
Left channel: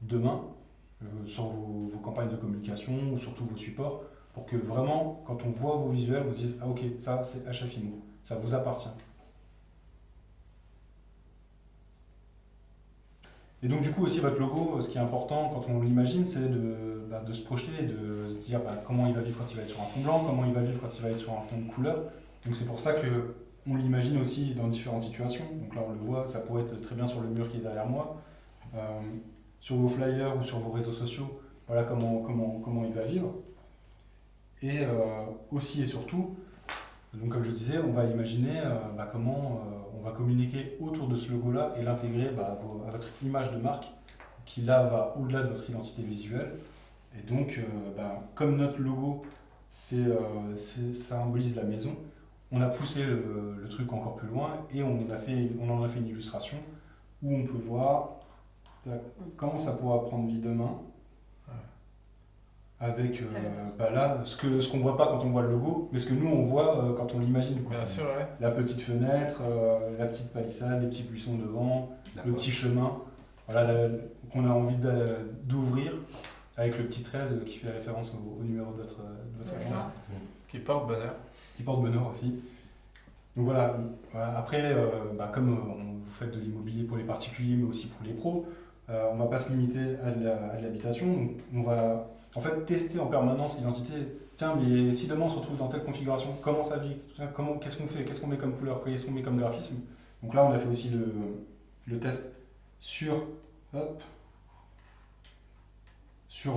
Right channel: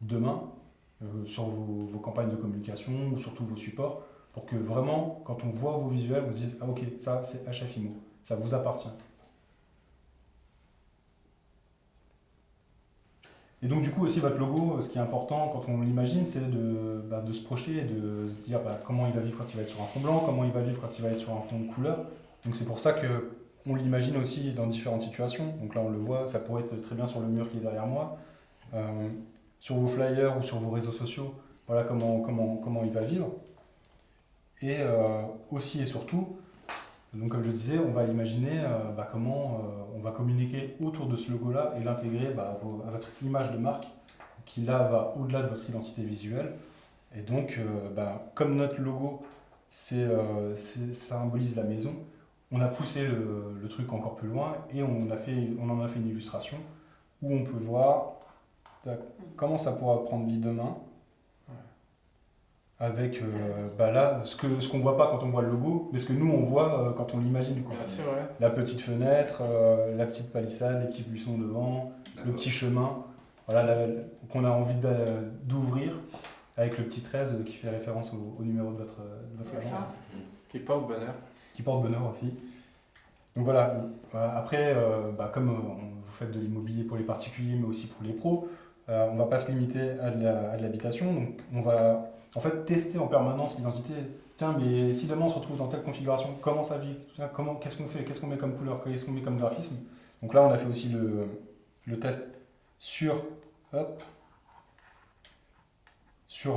demain sur vos campagnes de communication ou sur tous vos supports, pour que vraiment, quand on voit vos visuels, on se dise « Ah ok, ça c'est HF IMO, ça vous appartient ». Et donc du coup aussi votre logo, ce qui est important quand on l'imagine, c'est de se projeter et de se dire comment il va vivre quand il va être sur un fond blanc, comment il va vivre quand il va être sur un fond de couleur. Donc c'est pour ça qu'on l'imagine aussi dans différentes situations. Donc là on le voit, ça pourrait être très bien sur le mur qui est derrière moi, sur vos flyers ou sur vos réseaux sociaux, voilà comment il va vivre. Et aussi et surtout, donc comme je disais, on va imaginer comment on va communiquer autour de ce logo-là et l'intégrer à votre image de marque, qui là va au-delà de votre identité visuelle. Et donc, comme notre logo symbolise la maison, on a poussé le truc encore plus loin et on en a fait une illustration où on peut voir comment ça pourra prendre vie demain. avec là, ce qu'on voit pas quand on voit le logo, mais ce que nous on voit quand on l'imagine. Quoi. Bien sûr, ouais. La petite fenêtre, la petite palissade, les petits buissons devant, le petit chemin, voilà, qu'on a envie d'ouvrir avec le petit 13 qui fait référence au numéro de votre agence. Qui porte bonheur. Qui porte bonheur aussi. Donc voilà, après, comme vous faites de l'immobilier pour les particuliers, mais aussi pour les pros, on ne va pas se limiter à de l'habitation. Donc on va en fait tester en permanence l'identité. Tiens, mais si demain on se retrouve dans telle configuration, comment ça vit? Qu'est-ce qu'on fait? Qu'est-ce qu'on met comme couleur? Qu'est-ce qu'on met comme graphisme? Donc là, on a fait aussi le test sur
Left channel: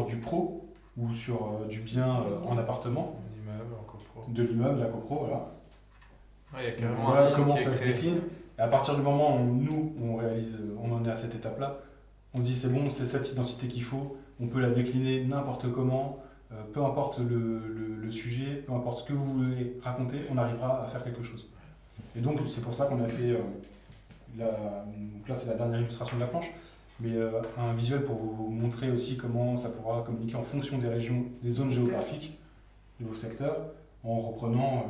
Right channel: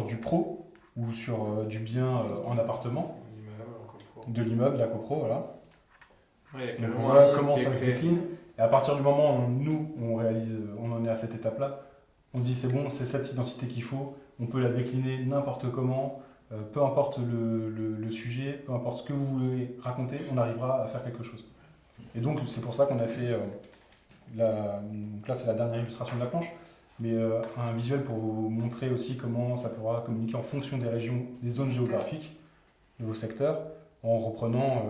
du pro ou sur du bien en appartement. L'immeuble, en copro. De l'immeuble, la copro, voilà. Ouais, il y a Donc carrément un voilà monde comment qui est ça se créé. décline. Et à partir du moment où nous, on en est à cette étape-là, on se dit c'est bon, c'est cette identité qu'il faut, on peut la décliner n'importe comment, peu importe le sujet, peu importe ce que vous voulez raconter, on arrivera à faire quelque chose. Et donc c'est pour ça qu'on a fait, donc là c'est la dernière illustration de la planche, mais un visuel pour vous montrer aussi comment ça pourra communiquer en fonction des régions, des zones géographiques, de vos secteurs, en reprenant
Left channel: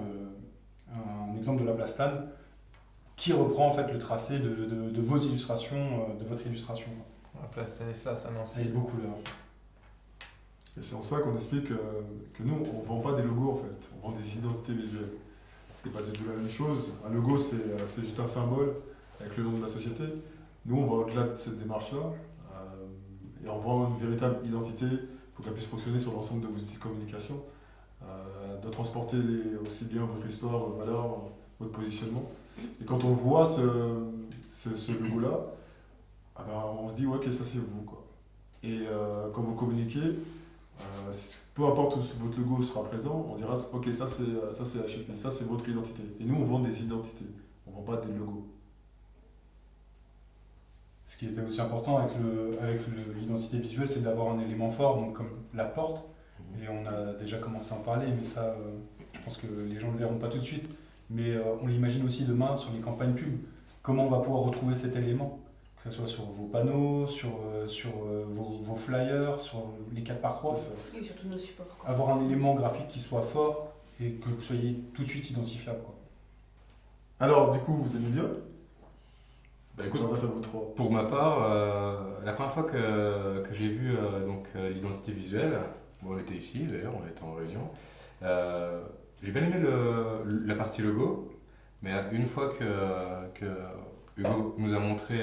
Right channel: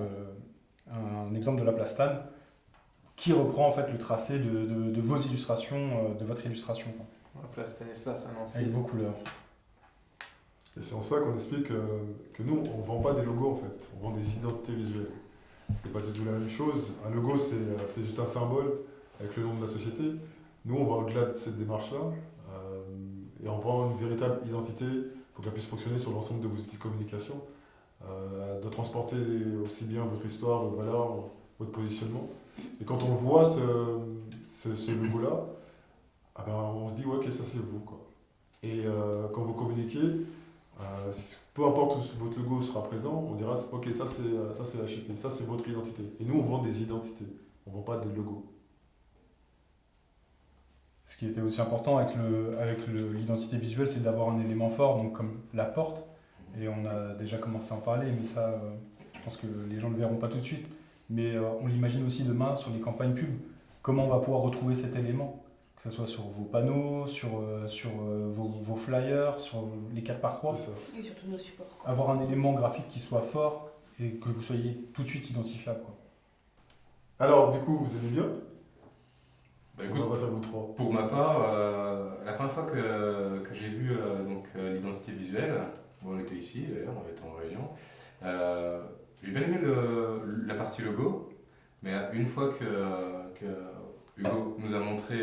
un exemple de la place Stade qui reprend en fait le tracé de vos illustrations, de votre illustration, quoi, La place Stanislas à Nancy. avec vos couleurs. Et c'est en ça qu'on explique que nous, on ne vend pas des logos en fait, on vend des identités visuelles. Ce n'est pas du tout la même chose. Un logo, c'est juste un symbole avec le nom de la société. Nous, on va au-delà de cette démarche-là et on vend une véritable identité pour qu'elle puisse fonctionner sur l'ensemble de vos outils de communication, de transporter aussi bien votre histoire, votre valeur, votre positionnement. Et quand on voit ce logo-là, on se dit ouais, ok, ça c'est vous, quoi. Et quand vous communiquez, peu importe où votre logo sera présent, on dira ok, ça c'est HFI, ça c'est votre identité. Et nous on vend des identités, on vend pas des logos. Ce qui était aussi important avec l'identité visuelle, c'est d'avoir un élément fort, donc comme la porte. Et on a déjà commencé à en parler, mais ça, je pense que les gens ne le verront pas tout de suite. Mais on l'imagine aussi demain sur les campagnes pub. Comment on va pouvoir retrouver cet élément, que ce soit sur vos panneaux, sur vos flyers, sur les 4x3. Et surtout nos supports. Quoi. Avoir un élément graphique qui soit fort et que vous soyez tout de suite identifiable, quoi. Alors du coup, vous aimez bien? Bah, écoute, on passe à vous trois. pour ma part, la première fois que j'ai vu l'identité visuelle, bon, on était ici d'ailleurs, on était en réunion, j'ai bien aimé la partie logo, mais une fois que Hugo nous a montré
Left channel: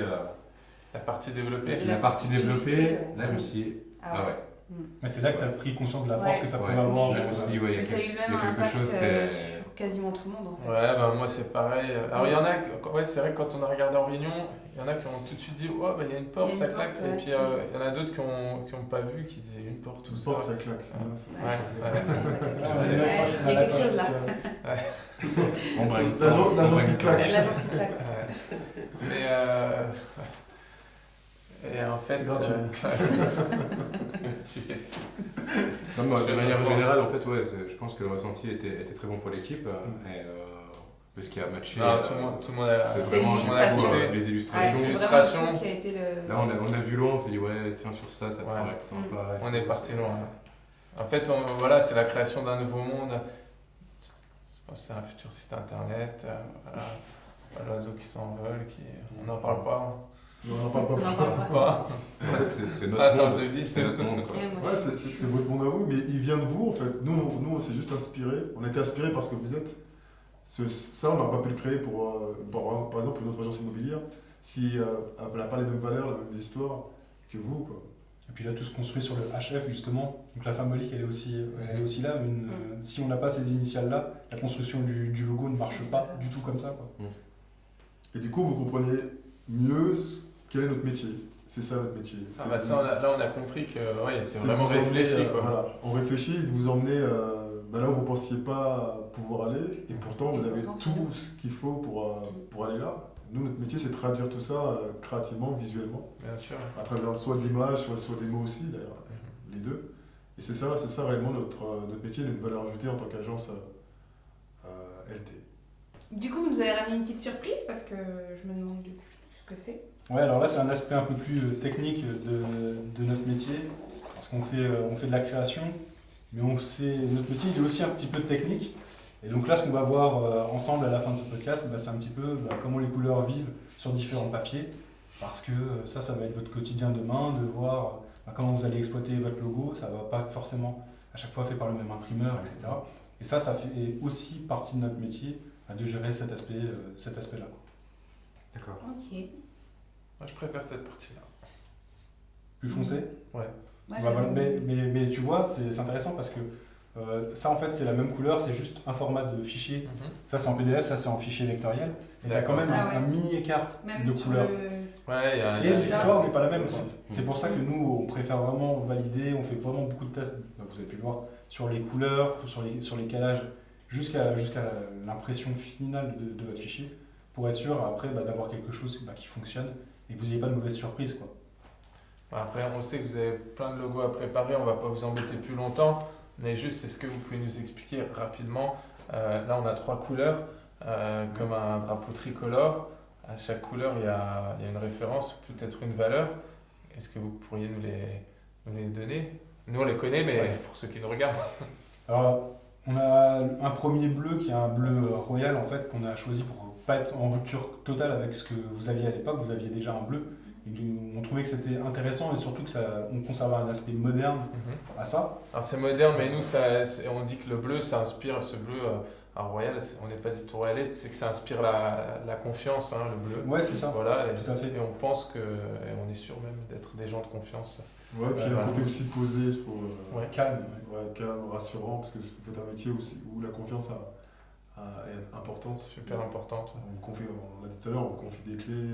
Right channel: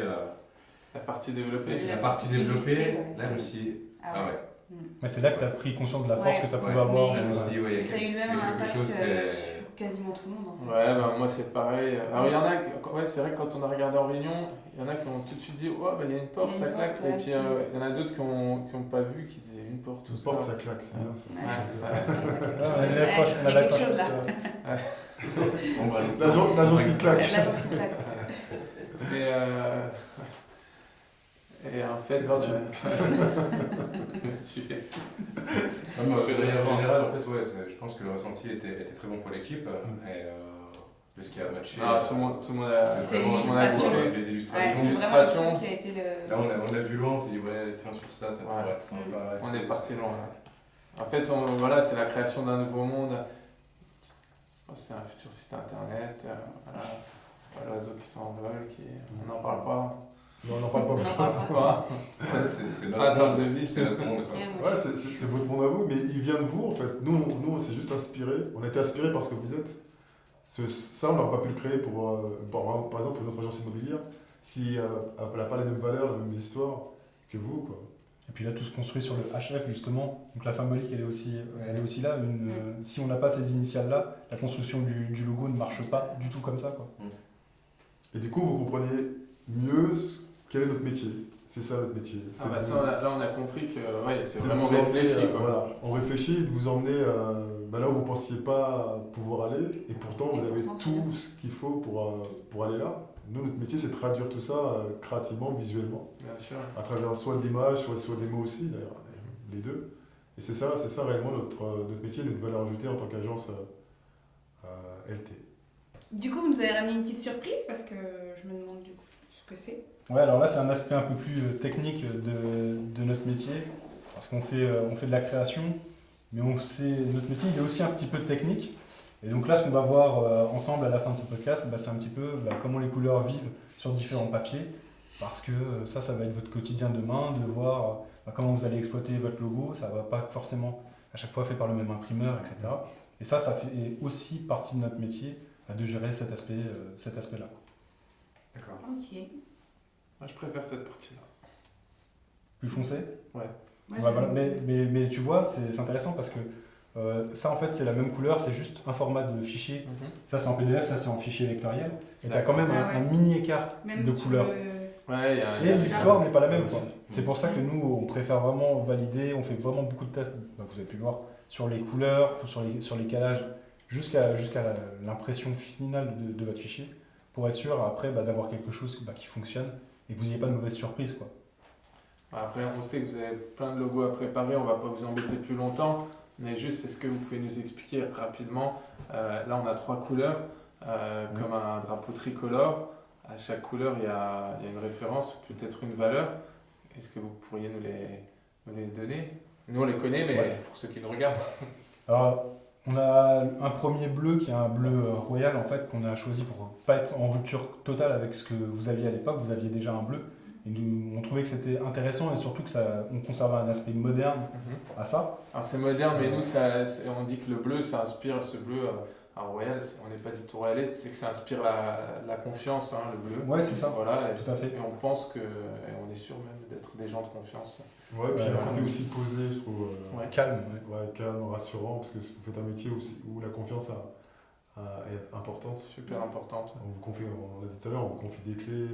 La partie développée. la partie développée, illustrée, là je me suis dit, ah ouais, Ouais, c'est là que tu as pris conscience de la force Ouais. que ça Ouais. pouvait avoir. là je me suis dit, ouais, il y Mais a ça a eu quelque, même il y a un quelque impact chose, c'est... sur quasiment tout le monde en fait. Ouais, ben moi c'est pareil. Alors il y en a, ouais, c'est vrai que quand on a regardé en réunion, il y en a qui ont tout de suite dit, oh, bah il y a une porte, Il y a ça une claque. porte, Et ouais. puis il y en a d'autres qui ont pas vu, qui disaient une porte, tout Une ça. porte, ça claque, c'est bien ça. Ouais, ouais. Il y a quelque chose là. On braille. L'agence qui claque. Là, parce que claque. Mais et en fait, C'est gratuit. tu- Même, de Je vais manière aller voir. générale, en fait, ouais, je pense que le ressenti était très bon pour l'équipe. Parce qu'il a matché. Non, tout le monde a. C'est C'est vraiment l'illustration. les Ouais, illustrations. c'est Illustration. vraiment le truc qui a été le. Là, on a vu loin, on s'est dit, ouais, tiens, sur ça, ça pourrait Ouais. être sympa. On est parti loin. En fait, voilà, c'est la création d'un nouveau monde. Je pense que c'est un futur site internet. Voilà. L'oiseau qui s'envole, on n'en parle pas. Non, on n'en parle pas. On en plus. parle Pas. En fait, c'est notre Attends monde. de vie. C'est notre monde, quoi. Ouais, moi, Ouais, c'est votre monde à vous, mais il vient de vous en fait. Nous on s'est juste inspiré. On a été inspiré par ce que vous êtes. Ça, on n'aurait pas pu le créer par exemple, pour notre agence immobilière, si elle n'a pas les mêmes valeurs, les mêmes histoires que vous, quoi. Et puis là, tout se construit sur le HF, justement. Donc la symbolique, elle est aussi là. Si on n'a pas ces initiales-là, la construction du logo ne marche pas du tout comme ça, quoi. Et du coup, vous comprenez mieux quel est notre métier. C'est ça notre métier. Ah bah ça, là on a compris que ouais, c'est c'est vraiment vous emmener, réfléchi quoi. voilà, on réfléchit de vous emmener là où vous ne pensiez pas pouvoir aller, et pourtant vous Et avez pourtant, c'est tout bien. ce qu'il faut pour aller là. Nous, notre métier, c'est de traduire tout ça créativement, visuellement, Bien sûr. à travers soit des images, soit des mots aussi, d'ailleurs, les deux. Et c'est ça réellement notre métier, notre valeur ajoutée en tant qu'agence LT. Du coup, vous nous avez ramené une petite surprise parce que je me demande du coup ce que c'est. Ouais, alors là, c'est un aspect un peu plus technique de notre métier. Parce qu'on fait de la création, mais notre métier il est aussi un petit peu technique. Et donc là, ce qu'on va voir ensemble à la fin de ce podcast, c'est un petit peu comment les couleurs vivent sur différents papiers, parce que ça va être votre quotidien demain, de voir comment vous allez exploiter votre logo. Ça ne va pas forcément à chaque fois fait par le même imprimeur, etc. Et ça fait aussi partie de notre métier, de gérer cet aspect-là. D'accord. Ok. Moi, je préfère cette partie-là. Plus foncé. Ouais. Ouais, Voilà. Mais tu vois, c'est intéressant parce que ça, en fait, c'est la même couleur, c'est juste un format de fichier. Ça, c'est en PDF, ça, c'est en fichier vectoriel. Et tu as quand même un mini écart Même de sur couleur. Ouais, Et l'histoire n'est pas la même. Aussi. C'est pour ça que nous, on préfère vraiment valider, on fait vraiment beaucoup de tests, vous avez pu le voir, sur les couleurs, sur les calages, jusqu'à l'impression finale de votre fichier, pour être sûr après d'avoir quelque chose qui fonctionne et que vous n'ayez pas de mauvaise surprise, quoi. Après, on sait que vous avez plein de logos à préparer, on va pas vous embêter plus longtemps, mais juste, est-ce que vous pouvez nous expliquer rapidement, là on a 3 couleurs, comme un drapeau tricolore, à chaque couleur il y a une référence, peut-être une valeur, est-ce que vous pourriez nous les donner? Nous on les connaît, mais pour ceux qui nous regardent. Alors, on a un premier bleu qui est un bleu royal en fait, qu'on a choisi pour pas être en rupture totale avec ce que vous aviez à l'époque, vous aviez déjà un bleu. On trouvait que c'était intéressant et surtout on conservait un aspect moderne à ça. Alors c'est moderne, mais nous on dit que le bleu, ça inspire, ce bleu, alors royal, on n'est pas du tout royaliste, c'est que ça inspire la confiance, hein, le bleu. Ouais, c'est ça, voilà, tout à fait. Et on pense et on est sûr même d'être des gens de confiance. Ouais, puis il y a un côté aussi posé, je trouve. Calme. Ouais, calme, rassurant, parce que vous faites un métier où la confiance est importante. Super importante. On l'a dit tout à l'heure, on vous confie des clés.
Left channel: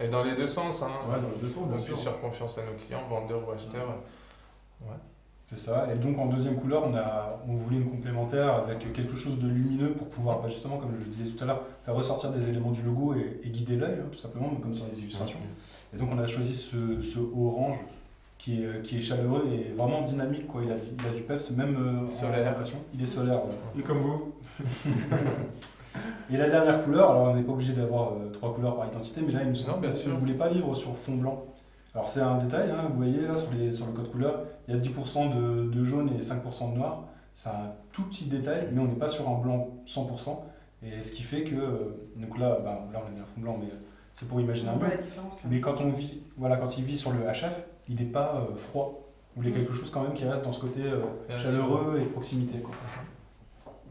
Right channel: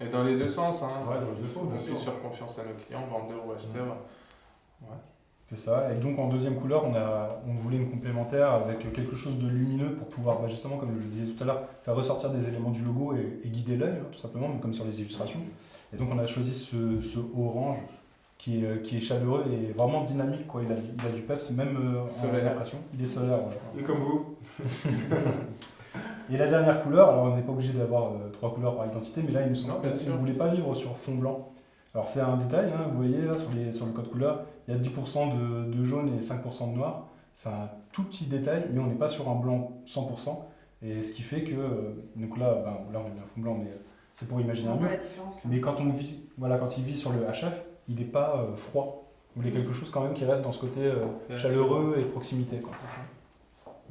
Et dans les deux sens, hein. Ouais, dans les deux sens, bien On sûr. puisse faire confiance à nos clients, vendeurs ou acheteurs. Ouais. C'est ça. Et donc en deuxième couleur, on voulait une complémentaire avec quelque chose de lumineux pour pouvoir, justement, comme je le disais tout à l'heure, faire ressortir des éléments du logo et guider l'œil, tout simplement, comme sur les illustrations. Et donc on a choisi ce orange qui est chaleureux et vraiment dynamique, quoi. Il a du peps, même Solaire. l'impression. Il est solaire. Ouais. Et comme vous. Et la dernière couleur, alors on n'est pas obligé d'avoir 3 couleurs par identité, mais là il me Non, semble bien qu'on sûr. ne voulait pas vivre sur fond blanc. Alors c'est un détail, hein, vous voyez là sur le code couleur, il y a 10% de jaune et 5% de noir. C'est un tout petit détail, mais on n'est pas sur un blanc 100%. Et ce qui fait que, donc là on a mis un fond blanc, mais c'est pour imaginer un On voit mur. la différence. Mais quand il vit sur le HF, il n'est pas froid. Vous voulez quelque chose quand même qui reste dans ce côté Bien chaleureux et proximité, quoi.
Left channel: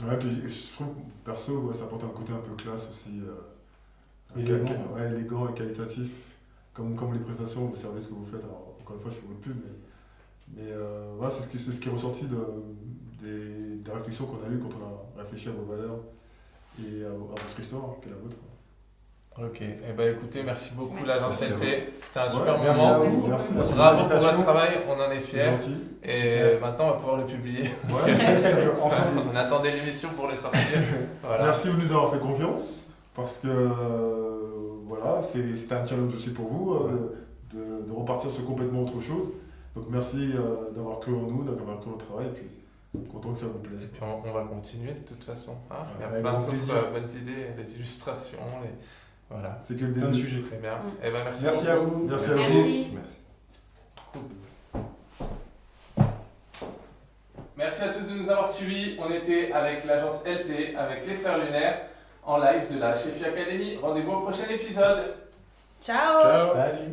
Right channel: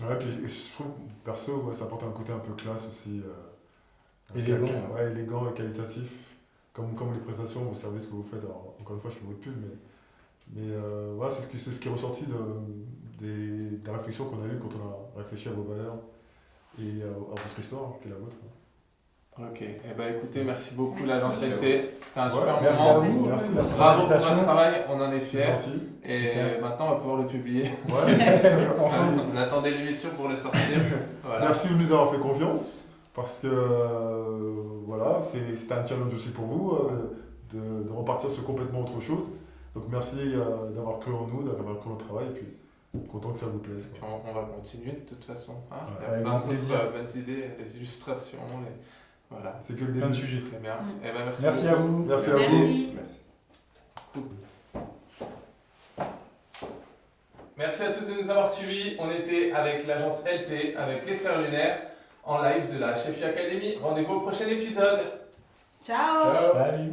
Ouais, puis je trouve, perso, ça apporte un côté un peu classe aussi. Élégant, élégant et qualitatif. Comme les prestations, vous savez ce que vous faites. Alors, encore une fois, je fais votre pub, mais voilà, c'est ce qui est ressorti des réflexions qu'on a eues quand on a réfléchi à vos valeurs et à votre histoire, qui est la vôtre. Ok, eh ben, écoutez, merci beaucoup l'agence Merci à LT, c'était un super Merci à moment. vous. Merci. Merci pour Bravo pour l'invitation. votre travail, on en est C'est fiers. gentil. Et Super. maintenant, on va pouvoir le publier. Ouais. Enfin, On attendait l'émission pour le sortir. Voilà. Merci de nous avoir fait confiance, parce que voilà, c'était un challenge aussi pour vous de repartir sur complètement autre chose. Donc merci d'avoir cru en nous, d'avoir cru en notre travail, et puis content que ça vous plaise. Et puis on va continuer de toute façon. Hein. Il y a Avec plein grand d'autres plaisir. bonnes idées, les illustrations, voilà. C'est que le plein de début. sujets. Très bien. Mm. Eh ben, merci Merci beaucoup. à vous. Merci à vous. Merci. Merci. Merci à tous de nous avoir suivis. On était avec l'agence LT, avec les Frères Lunaires, en live de la Chefi Academy. Rendez-vous au prochain épisode. Ciao. Salut.